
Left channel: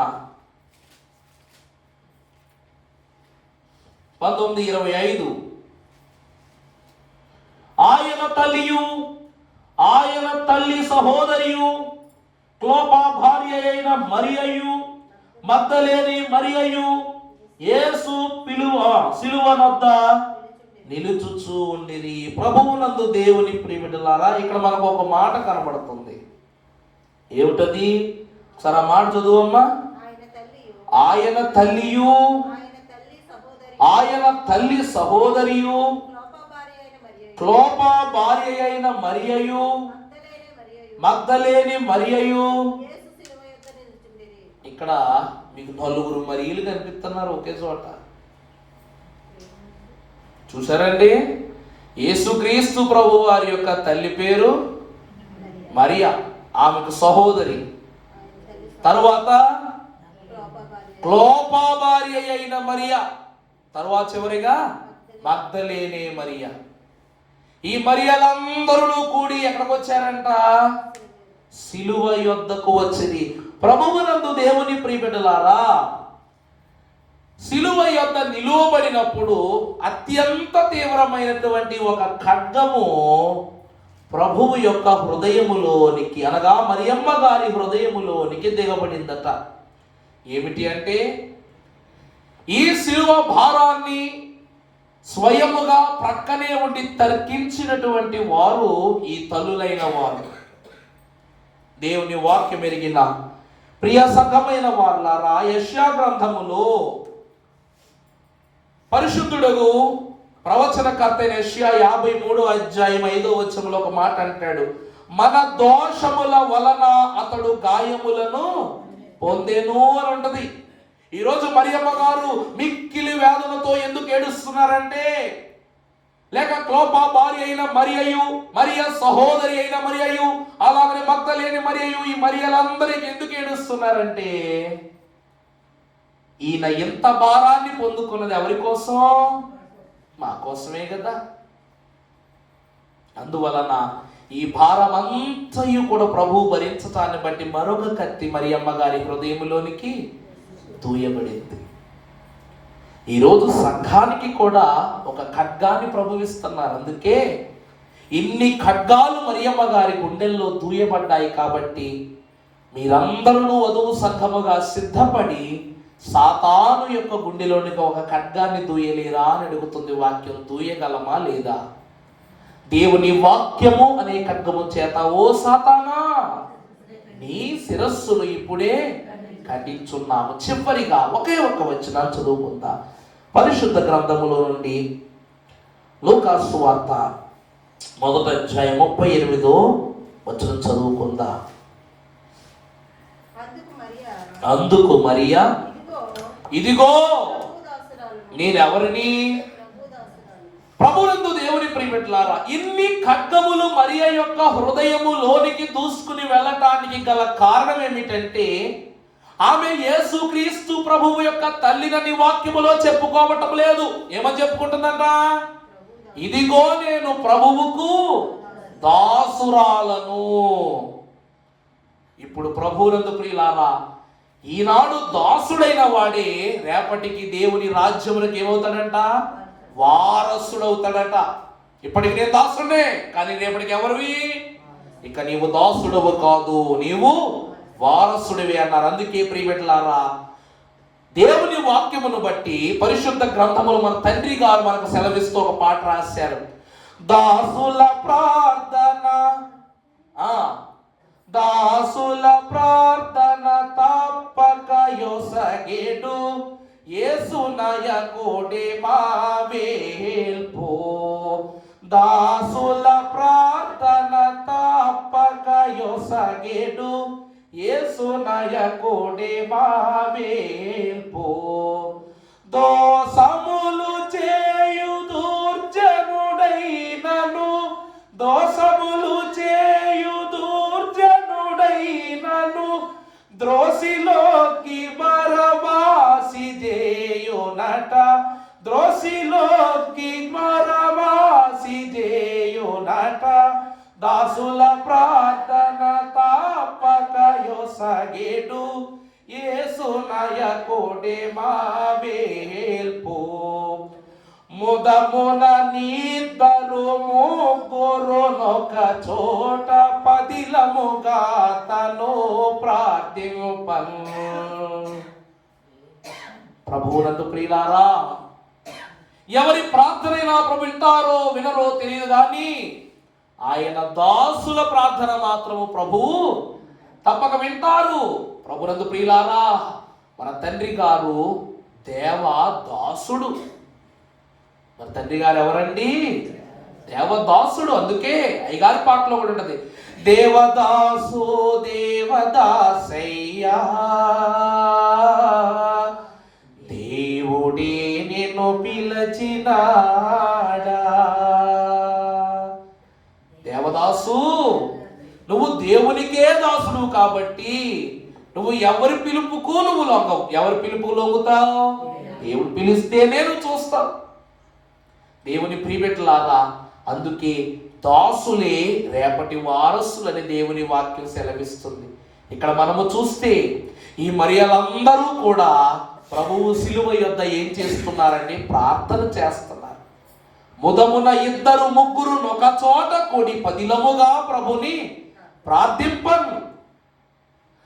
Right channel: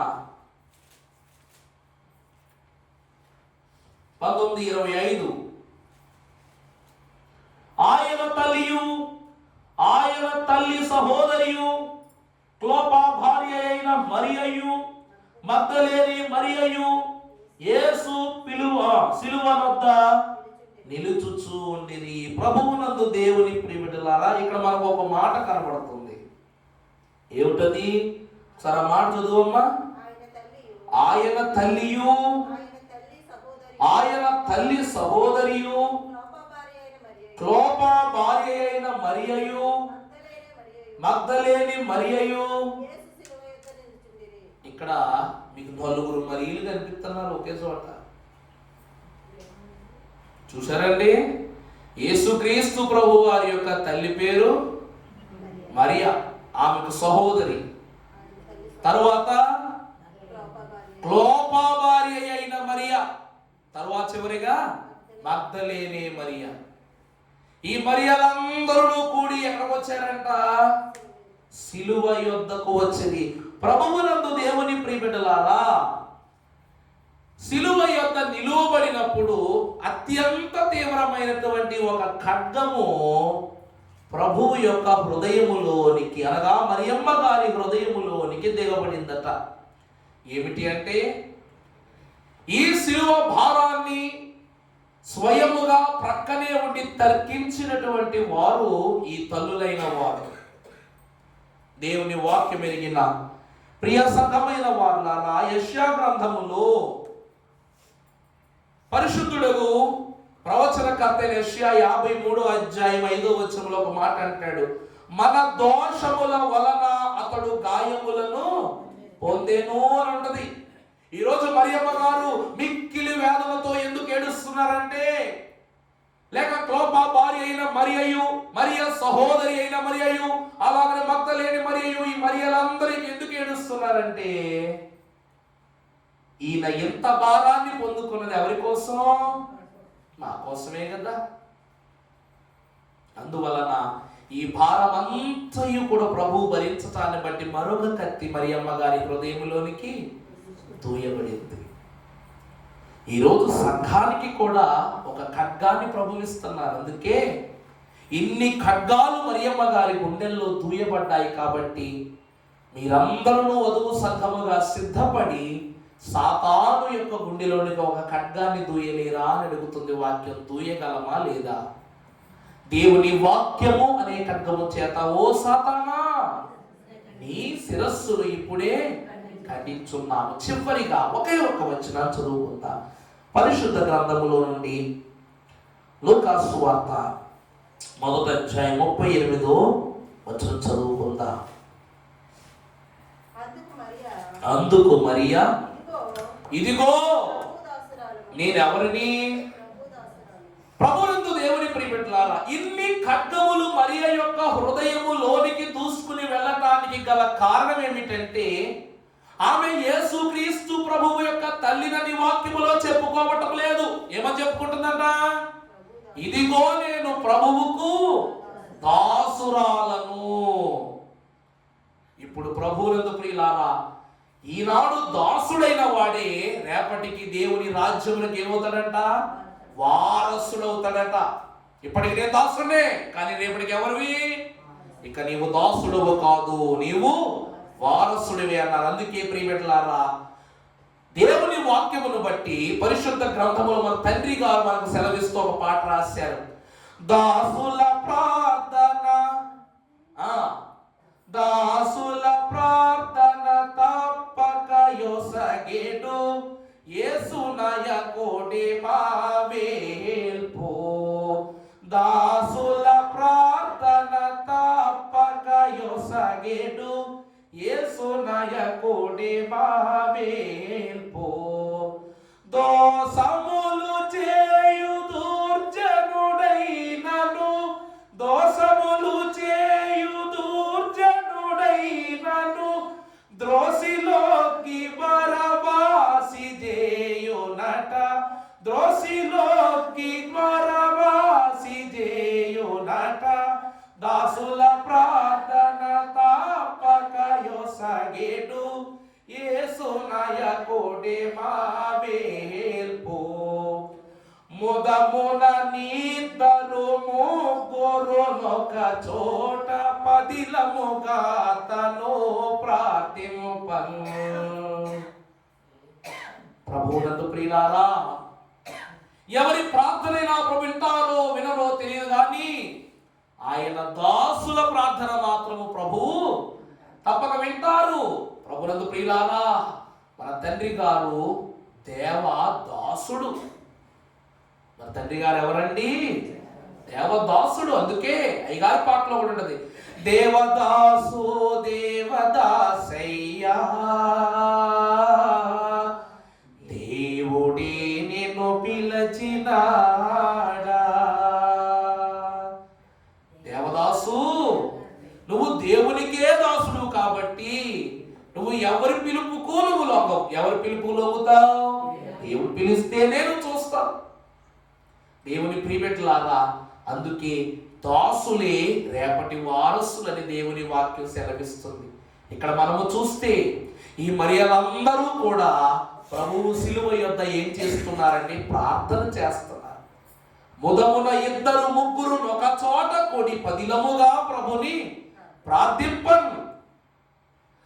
19:25. ఆయన తల్లియు ఆయన తల్లి సహోదరియు క్లోపా భార్య అయిన మరియయు మగ్దలేని మరియయు యేసు సిలువనొద్ద నిలుచుచూ ఉండిరి. ప్రభువునందు దేవుని ప్రియబిడ్డలారా, ఇక్కడ మనకు ఒక మాట కనబడుతుంది. ఏమిటది? సరే మాట చదువమ్మా. ఆయన తల్లియు ఆయన తల్లి సహోదరియు క్లోపా భార్య అయిన మరియయు మగ్దలేని మరియయు. ఇక్కడ మీకు 4 మరియలు కనిపిస్తున్నారు ఒకే చోట. చూసారండి? యేసుక్రీస్తు ప్రభు వారి యొక్క తల్లి పేరు మరియా, ఆమెకు సహోదరి. తరువాత క్లోపా భార్య అయిన మరియా, తరువాత చివరిగా మగ్దలేనే మరియా. ఈ మరియలందరూ కూడి ఎక్కడికి వచ్చారంట? సిలువ యొద్దకు వచ్చింది. ప్రభువునందు దేవుని ప్రియబిడ్డలారా, సిలువ యొద్ద నిలువబడినప్పుడు అత్యంత తీవ్రమైనటువంటి ఒక ఖడ్గము ప్రభువు యొక్క హృదయములోనికి, అనగా మరియమ్మ గారి హృదయములోనికి దిగబడిందట. ఏమిటి అంటే, ఈ సిలువ భారాన్ని స్వయముగా ప్రక్కనే ఉండి తర్కించినటువంటి వారు ఈ తల్లులైన వారు. దేవుని వాక్యం ఎరిగిన ప్రియ సంఘమైన వారులారా, యెషయా గ్రంథములో పరిశుద్ధుడు ప్రవచనకర్త యెషయా 53వ అధ్యాయం 5వ వచనంలో ఒక మాట అంటాడు, మన దోషముల వలన అతడు గాయములను పొందెను అని ఉంటది. ఈరోజు మరియమ్మ గారు మిక్కిలి వేదనతో ఎందుకు ఏడుస్తున్నారంటే, లేక క్లోపా భార్య అయిన మరియయు, మరియ సహోదరి అయిన మరియయు, అలాగే మగ్దలేని మరియయు, ఈ మరియలందరికీ ఎందుకు ఏడుస్తున్నారంటే, ఈయన ఇంత భారాన్ని పొందుకున్నది ఎవరి కోసం? మా కోసమే కదా. అందువలన ఈ భారమంతయు కూడా ప్రభువు భరించటాన్ని బట్టి మరొక కత్తి మరియమ్మ గారి హృదయంలోనికి దూయబడింది. ఈరోజు సంఘానికి కూడా ఒక ఖడ్గాన్ని ప్రభువిస్తున్నారు. అందుకే ఇన్ని ఖడ్గాలు మరియమ్మ గారి గుండెల్లో దూయబడ్డాయి. కాబట్టి మీరందరూ వధువు సంఘముగా సిద్ధపడి సాతాను యొక్క గుండెలోనికి ఒక ఖడ్గాన్ని దూయలేరా అని అడుగుతుంది వాక్యం. దూయగలమా లేదా? దేవుని వాక్యము అనే ఖడ్గము చేత ఓ సాతానా, నీ శిరస్సును ఇప్పుడే ఖండించున్నాము. చివరిగా ఒకే ఒక వచనం చదువుకుందా. పరిశుద్ధ గ్రంథములో నుండి లూకాసు వార్త 1వ అధ్యాయం 38వ వచనం చదువుకుందా. అందుకు మరియా, ఇదిగో నేనెవరిని? ప్రభునందు దేవుని ప్రియబిడ్డలారా, ఇన్ని ఖడ్గములు మరియ యొక్క హృదయములోనికి దూసుకుని వెళ్ళటానికి గల కారణం ఏమిటంటే, ఆమె యేసుక్రీస్తు ప్రభువు యొక్క తల్లినని వాక్యములో చెప్పుకోవటం లేదు. ఏమని చెప్పుకుంటుందంట? ఇదిగో నేను ప్రభువుకు దాసురాలను. ఇప్పుడు ప్రభువునందు ప్రియులారా, ఈనాడు దాసుడైన వాడే రేపటికి దేవుని రాజ్యములకు ఏమవుతాడంట? వారసుడవుతాడట. ఇప్పటికి నేను దాసుడే, కానీ రేపటికి ఎవరివి? ఇక నీవు దాసుడవు కాదు, నీవు వారసుడివి అన్నారు. అందుకే ప్రియబిడ్డలారా, దేవుని వాక్యమును బట్టి పరిశుద్ధ గ్రంథములు మన తండ్రి గారు మనకు సెలవిస్తూ ఒక పాట రాశారు. దాసుల ప్రార్థన, దాసుల ప్రార్థన తప్పక యొసగెడు, యేసునయ కోడి మావేల్పో. దాసుల ప్రార్థన తప్పక యొసగెడు, యేసునయ కోడి మావేల్పో. దోసములు చేయు దుర్జనుడైనను, దోసములు చేయు దుర్జనుడైనను, ద్రోసిలోకి బరబాసి చేయునట, ద్రోసిలోకి బరబాసి చేయునట. దాసుల ప్రార్థన తప్పక యొసగెడు, యేసునయ కోడి మావేల్పో. ముదమున నీద్దరు ముగ్గురునొక చోట, పదిలముగా తను ప్రార్థింపను. ప్రభువునందు ప్రియులారా, ఎవరి ప్రార్థనైనా ప్రభు వింటారో వినరో తెలియదు కానీ ఆయన దాసుల ప్రార్థన మాత్రము ప్రభువు తప్పక వింటారు. ప్రభువునందు ప్రియులారా, మన తండ్రి గారు దేవదాసుడు. మన తండ్రి గారు ఎవరండి? దేవదాసుడు. అందుకే అయ్యగారి పాటలో కూడా ఉంటది, దేవదాసు దేవదాసయ్యా, దేవుడే నిన్ను పిలచినాడా. దేవదాసు, నువ్వు దేవునికే దాసుడు కాబట్టి నువ్వు ఎవరి పిలుపుకు నువ్వు లొంగవు. ఎవరి పిలుపు లొంగుతావు? దేవుడు పిలిస్తేనే నువ్వు చూస్తావు. దేవుని ప్రియబిడ్డలారా, అందుకే దాసులే రేపటి వారసులని దేవుని వాక్యం సెలవిస్తుంది. ఇక్కడ మనము చూస్తే ఈ మరియలందరూ కూడా ప్రభువు శిలువ యొద్ద ఏం చేస్తున్నారండి? ప్రార్థన చేస్తున్నారు. ముదమున ఇద్దరు ముగ్గురు ఒక చోట కూడి పదిలముగా ప్రభుని ప్రార్థింపను.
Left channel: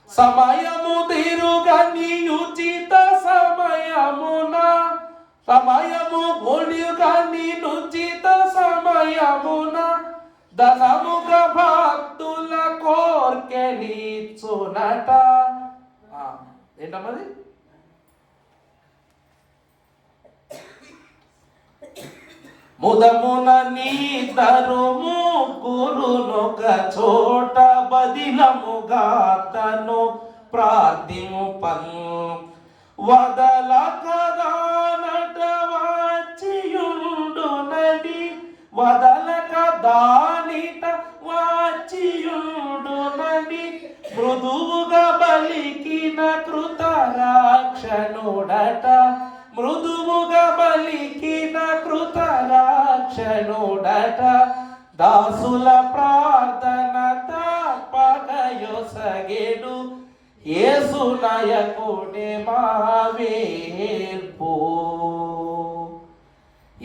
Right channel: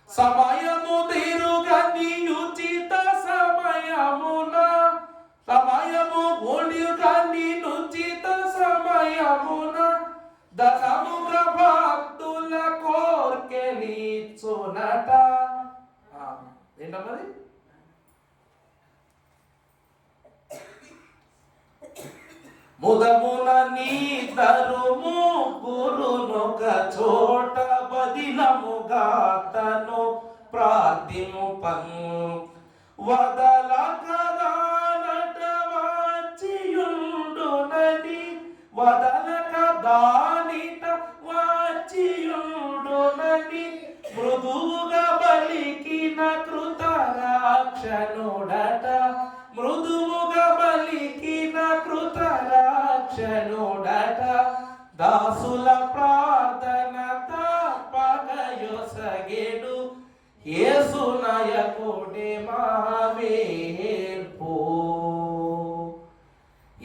సమయము తీరుగని ఉచిత సమయమున, సమయము ఒడిగని ఉచిత సమయమున, ధనముగ భక్తుల కోర్కెలీచునట. ఏంటమ్మది? ముదమున నీద్దరు ముగ్గురునొక చోట, బదిలముగా తను ప్రార్థింపను. వదలక దానట వాచియుండునని, వదలక దానిట వాచియుండునని, మృదువుగా బలికిన కృతరాక్షణుడట, మృదువుగా బలికిన కృతరాక్షణుడట. దాసుల ప్రార్థన తప్పక యొసగెడు, యేసునయ కోడి మావేల్పో.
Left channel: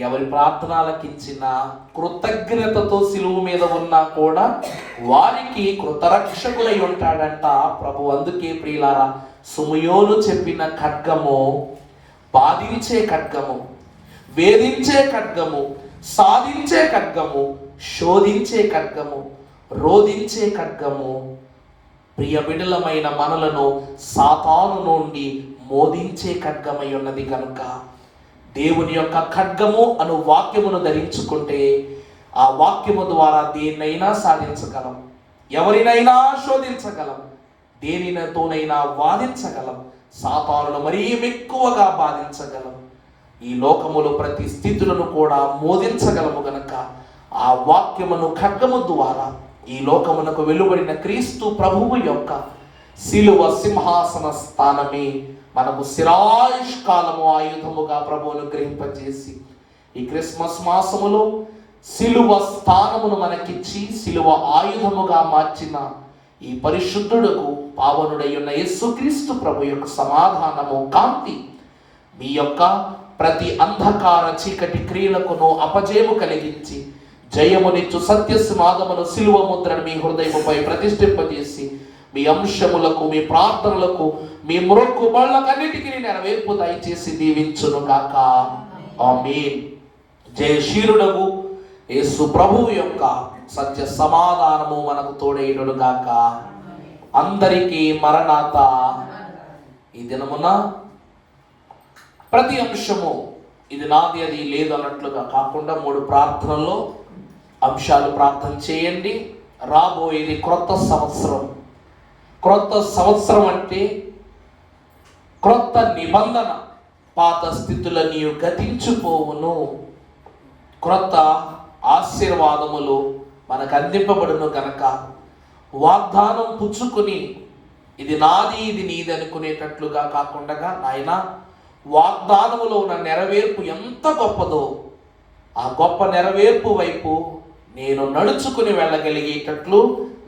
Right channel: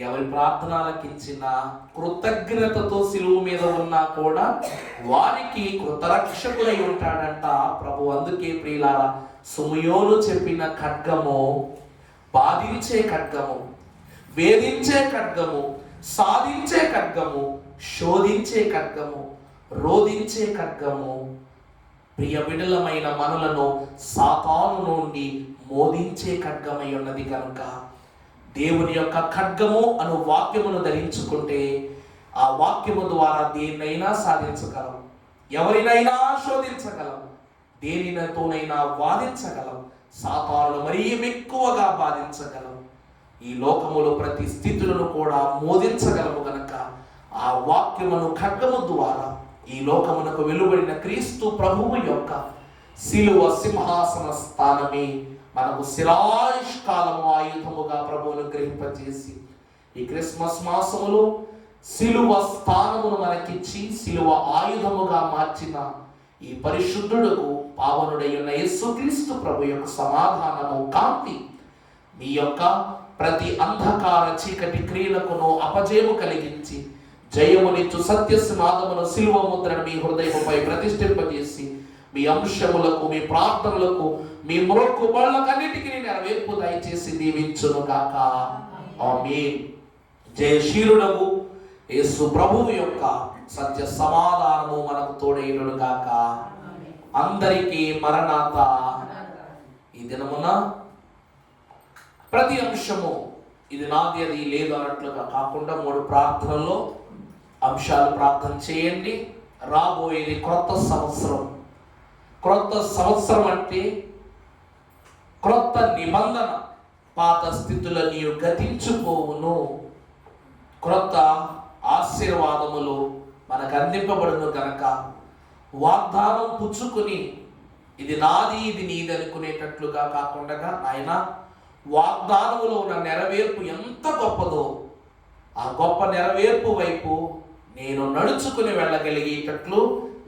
ఎవరి ప్రార్థనలకిచ్చిన కృతజ్ఞతతో శిలువ మీద ఉన్నా కూడా వారికి కృతరక్షకుడై ఉంటాడంట ప్రభు. అందుకే ప్రియులారా, సుమయోను చెప్పిన ఖడ్గము బాధించే ఖడ్గము, వేధించే ఖడ్గము, సాధించే ఖడ్గము, శోధించే ఖడ్గము, రోధించే ఖడ్గము, ప్రియ బిడ్డలమైన మనలను సాతాను నుండి మోదించే ఖడ్గమై ఉన్నది కనుక దేవుని యొక్క ఖడ్గము అను వాక్యమును ధరించుకుంటే ఆ వాక్యము ద్వారా దేన్నైనా సాధించగలం, ఎవరినైనా శోధించగలం, దేనితోనైనా వాదించగలం, సాతానును మరీ ఎక్కువగా బాధించగలం, ఈ లోకములో ప్రతి స్థితులను కూడా మోదించగలము గనక ఆ వాక్యమును ఖడ్గము ద్వారా ఈ లోకమునకు వెలువడిన క్రీస్తు ప్రభువు యొక్క శిలువ సింహాసన స్థానమే మనకు శిరాయుష్కాలము ఆయుధముగా ప్రభువును గ్రహింపజేసి ఈ క్రిస్మస్ మాసములో సిలువ స్థానమును మనకిచ్చి సిలువ ఆయుధముగా మార్చిన ఈ పరిశుద్ధుడుకు పావనుడై ఉన్న యేసుక్రీస్తు ప్రభు యొక్క సమాధానము, కాంతి మీ యొక్క ప్రతి అంధకార చీకటి క్రియలకును అపజయము కలిగించి జయమునిచ్చు సత్యస్మాదమును సిలువ ముద్రను మీ హృదయముపై ప్రతిష్ఠింపజేసి మీ అంశములకు, మీ ప్రార్థనలకు, మీ మొక్కుబళ్ళకన్నిటికీ నెరవేర్పు దయచేసి దీవించును గాక. ఆమేన్. జయశీలుడగు యేసు ప్రభువు యొక్క సత్య సమాధానము మనకు తోడైనను గాక. అందరికీ మరణాత. ఈ దినమున ప్రతి అంశము ఇది నాది అది లేదు అన్నట్లుగా కాకుండా 3 ప్రార్థనల్లో అంశాలు ప్రార్థన చేయండి. రాబోయేది క్రొత్త సంవత్సరం. క్రొత్త సంవత్సరం అంటే క్రొత్త నిబంధన. పాత స్థితులన్నీ గతించిపోవును. క్రొత్త ఆశీర్వాదములు మనకు అందింపబడును కనుక వాగ్దానం పుచ్చుకుని ఇది నాది ఇది నీది అనుకునేటట్లుగా కాకుండా, నాయన వాగ్దానములో ఉన్న నెరవేర్పు ఎంత గొప్పదో ఆ గొప్ప నెరవేర్పు వైపు నేను నడుచుకుని వెళ్ళగలిగేటట్లు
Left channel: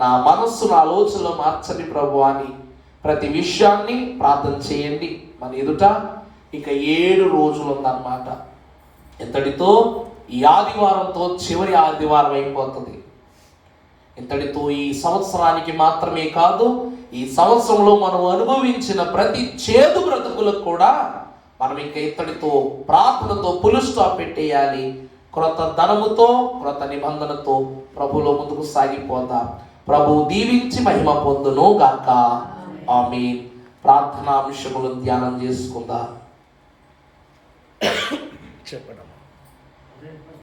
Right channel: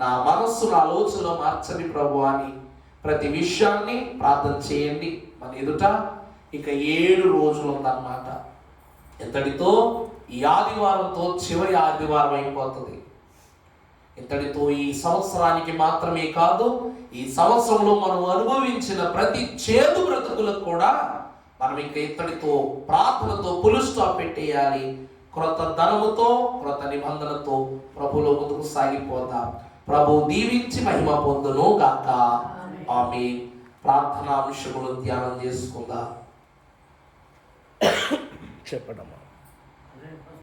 నా మనస్సును, ఆలోచనలు మార్చని ప్రభు అని ప్రతి విషయాన్ని ప్రార్థన చేయండి. మన ఎదుట ఇక 7 రోజులు ఉందన్నమాట. ఇంతటితో ఈ ఆదివారంతో చివరి ఆదివారం అయిపోతుంది. ఇంతటితో ఈ సంవత్సరానికి మాత్రమే కాదు, ఈ సంవత్సరంలో మనం అనుభవించిన ప్రతి చేదు బ్రతుకులకు కూడా మనం ఇంకా ఇంతటితో ప్రార్థనతో ఫుల్ స్టాప్ పెట్టేయాలి. క్రొత్త ధనముతో, క్రొత్త నిబంధనతో ప్రభులో ముందుకు సాగిపోదాం. ప్రభు దీవించి మహిమ పొందును గాక. ఆమేన్. ప్రార్థనా విషయములు ధ్యానం చేసుకుందాం. చెప్పండి.